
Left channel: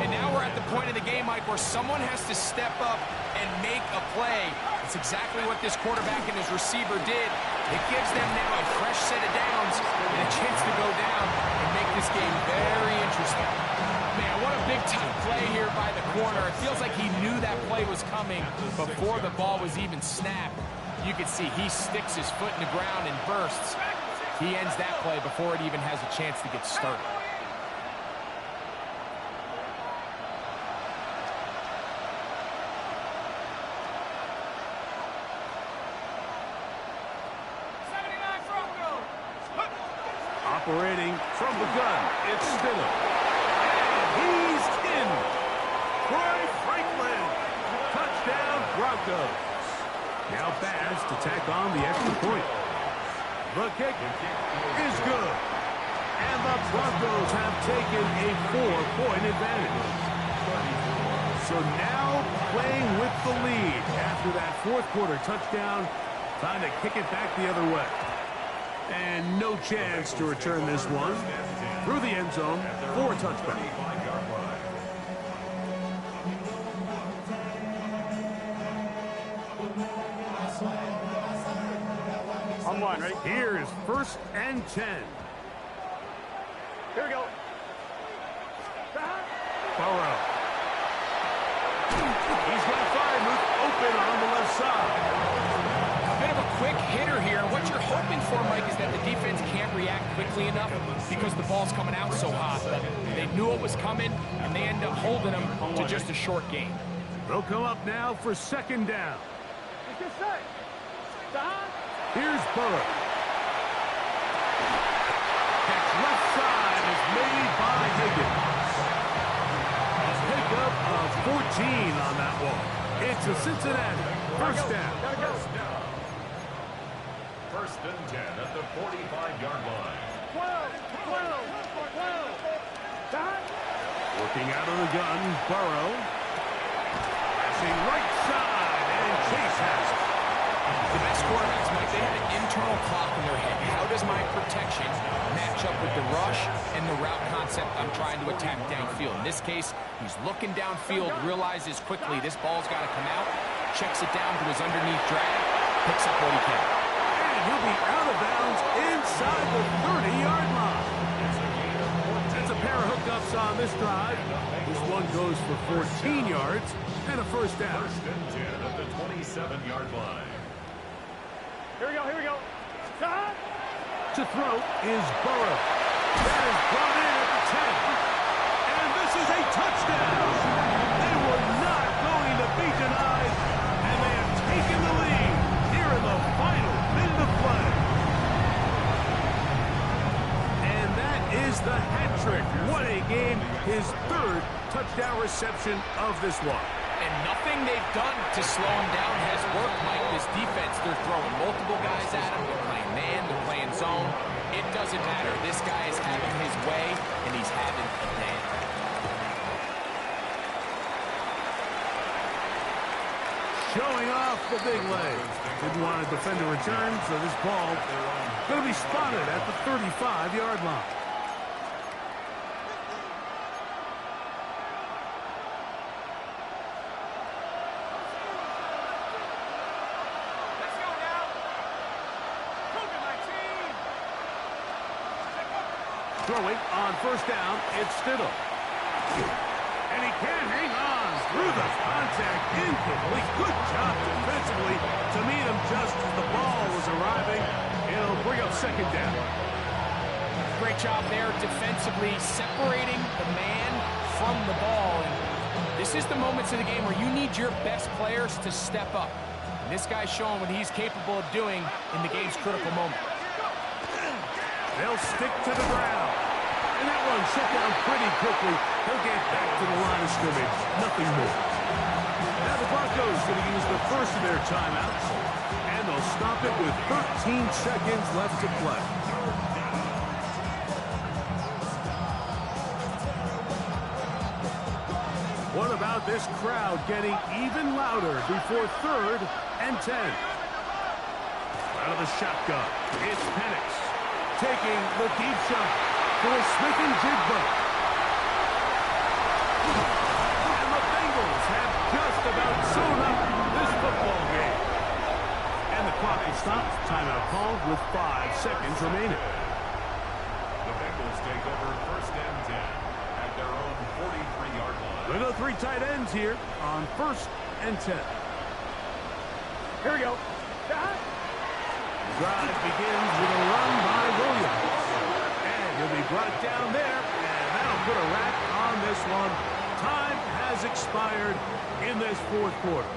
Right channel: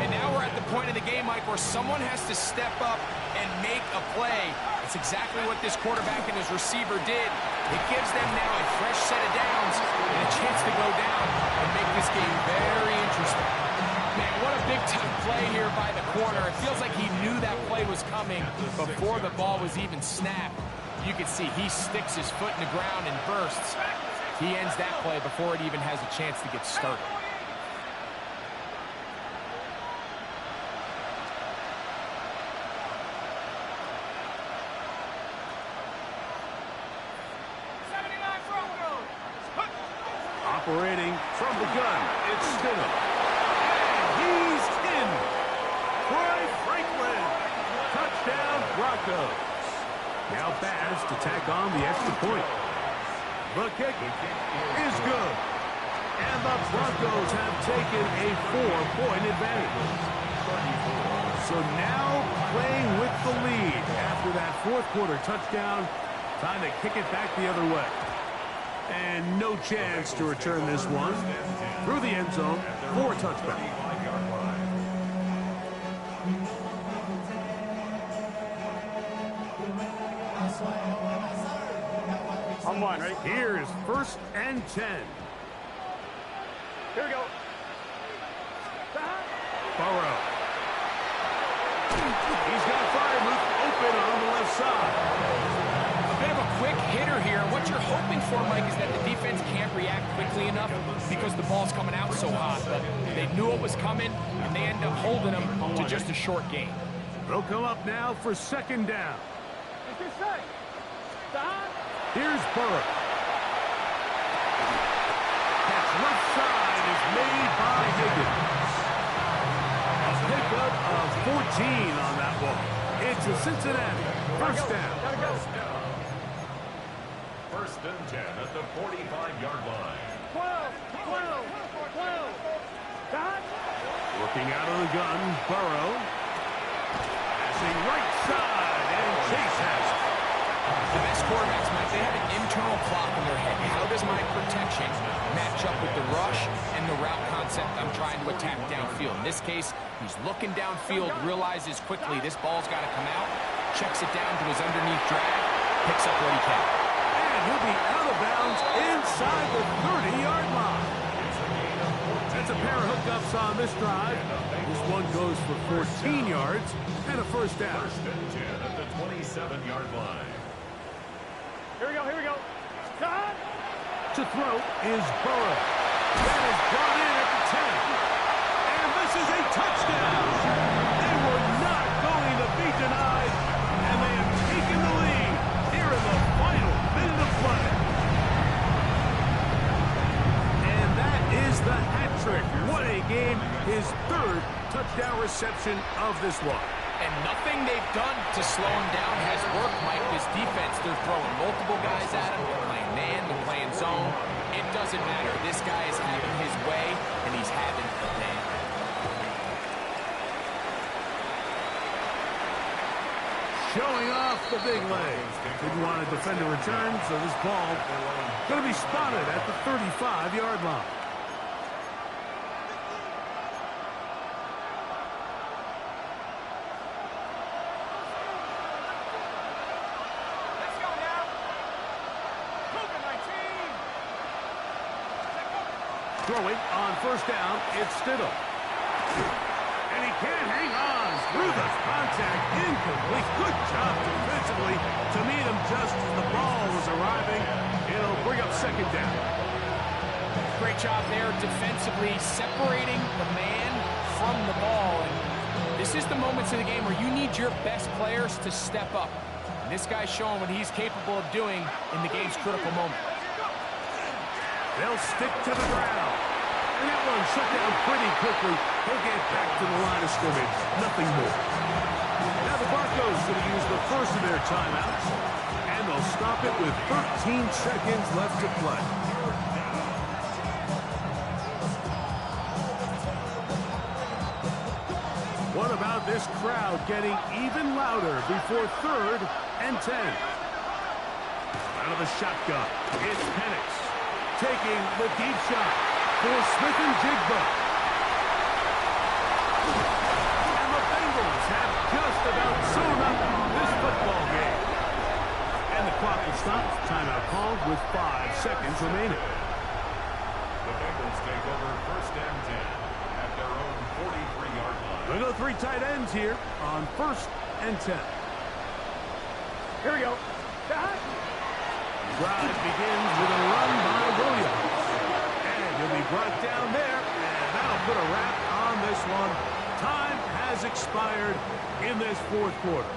And now we're at the point in the game, Mike, where someone has to step up and make a play. It's exactly what this quarterback and his receiver did. It gives them now a fresh set of downs and a chance to go down and make this game very interesting. Man, what a big-time play here by the corner. It feels like he knew that play was coming before the ball was even snapped. You can see he sticks his foot in the ground and bursts. He ends that play before it even has a chance to get started. Operating from the gun, it's Stidham. And he's in. Troy Franklin. Touchdown, Broncos. Now Baz to tack on the extra point. The kick is good. And the Broncos have taken a 4-point advantage. So now playing with the lead after that 4th quarter touchdown. Time to kick it back the other way. And no chance to return this one through the end zone for a touchback. On 1, ready? Here is 1st and 10. Here we go. Burrow. He's got Freiermuth open on the left side. A bit of a quick hitter here. What you're hoping for, Mike, is that the defense can't react quickly enough because the ball's coming out so hot. But they knew it was coming, and they end up holding them to just a short gain. They'll come up now for 2nd down. Here's Burrow. Catch left side is made by Higgins. A pickup of 14 on that one. It's a Cincinnati first down. First and 10 at the 45-yard line. 12. Working out of the gun, Burrow. Passing right side, and Chase has it. The best quarterbacks, Mike, they have an internal clock in their head. How does my protection match up with the rush and the route concept I'm trying to attack downfield? In this case, he's looking downfield, realizes quickly this ball's got to come out, checks it down to his underneath drag, picks up what he can. And he'll be out of bounds inside the 30-yard line. That's a pair of hookups on this drive. This one goes for 14 yards and a first down. First and 10 at the 27-yard line. Here we go. To throw is Burrow. That is brought in at the 10. And this is a touchdown. They were not going to be denied, and they have taken the lead here in the final minute of play. And that is the hat trick. What a game. His 3rd touchdown reception of this one. And nothing they've done to slow him down has worked, Mike. This defense, they're throwing multiple guys at him. They're playing man, they're playing zone. It doesn't matter. This guy is having his way, and he's having a day. showing off the big leg. Didn't want to defend a return, so this ball going to be spotted at the 35-yard line. Let's go now. Cougar 19. Throwing on first down, it's Stidham. And he can't hang on through the contact. Incomplete. Good job defensively to meet him just as the ball was arriving. It'll bring up second down. Great job there defensively, separating the man from the ball. And this is the moments in the game where you need your best players to step up. And this guy's showing what he's capable of doing in the game's critical moment. They'll stick to the ground. And that one shut down pretty quickly. He'll get back to the line of scrimmage. Nothing more. Now the Broncos going to use the first of their timeouts. And they'll stop it with 13 seconds left to play. What about this crowd getting even louder before 3rd and 10? Out of the shotgun, it's Penix taking the deep shot for Smith and Jigba. And the Bengals have just about sewn up this football game. And the clock will stop. Timeout called with 5 seconds remaining. The Bengals take over 1st and 10 at their own 43-yard line. We'll go 3 tight ends here on 1st and 10. Here we go. The drive begins with a run by Williams. And he'll be brought down there, and that'll put a wrap on this one. Time has expired in this 4th quarter.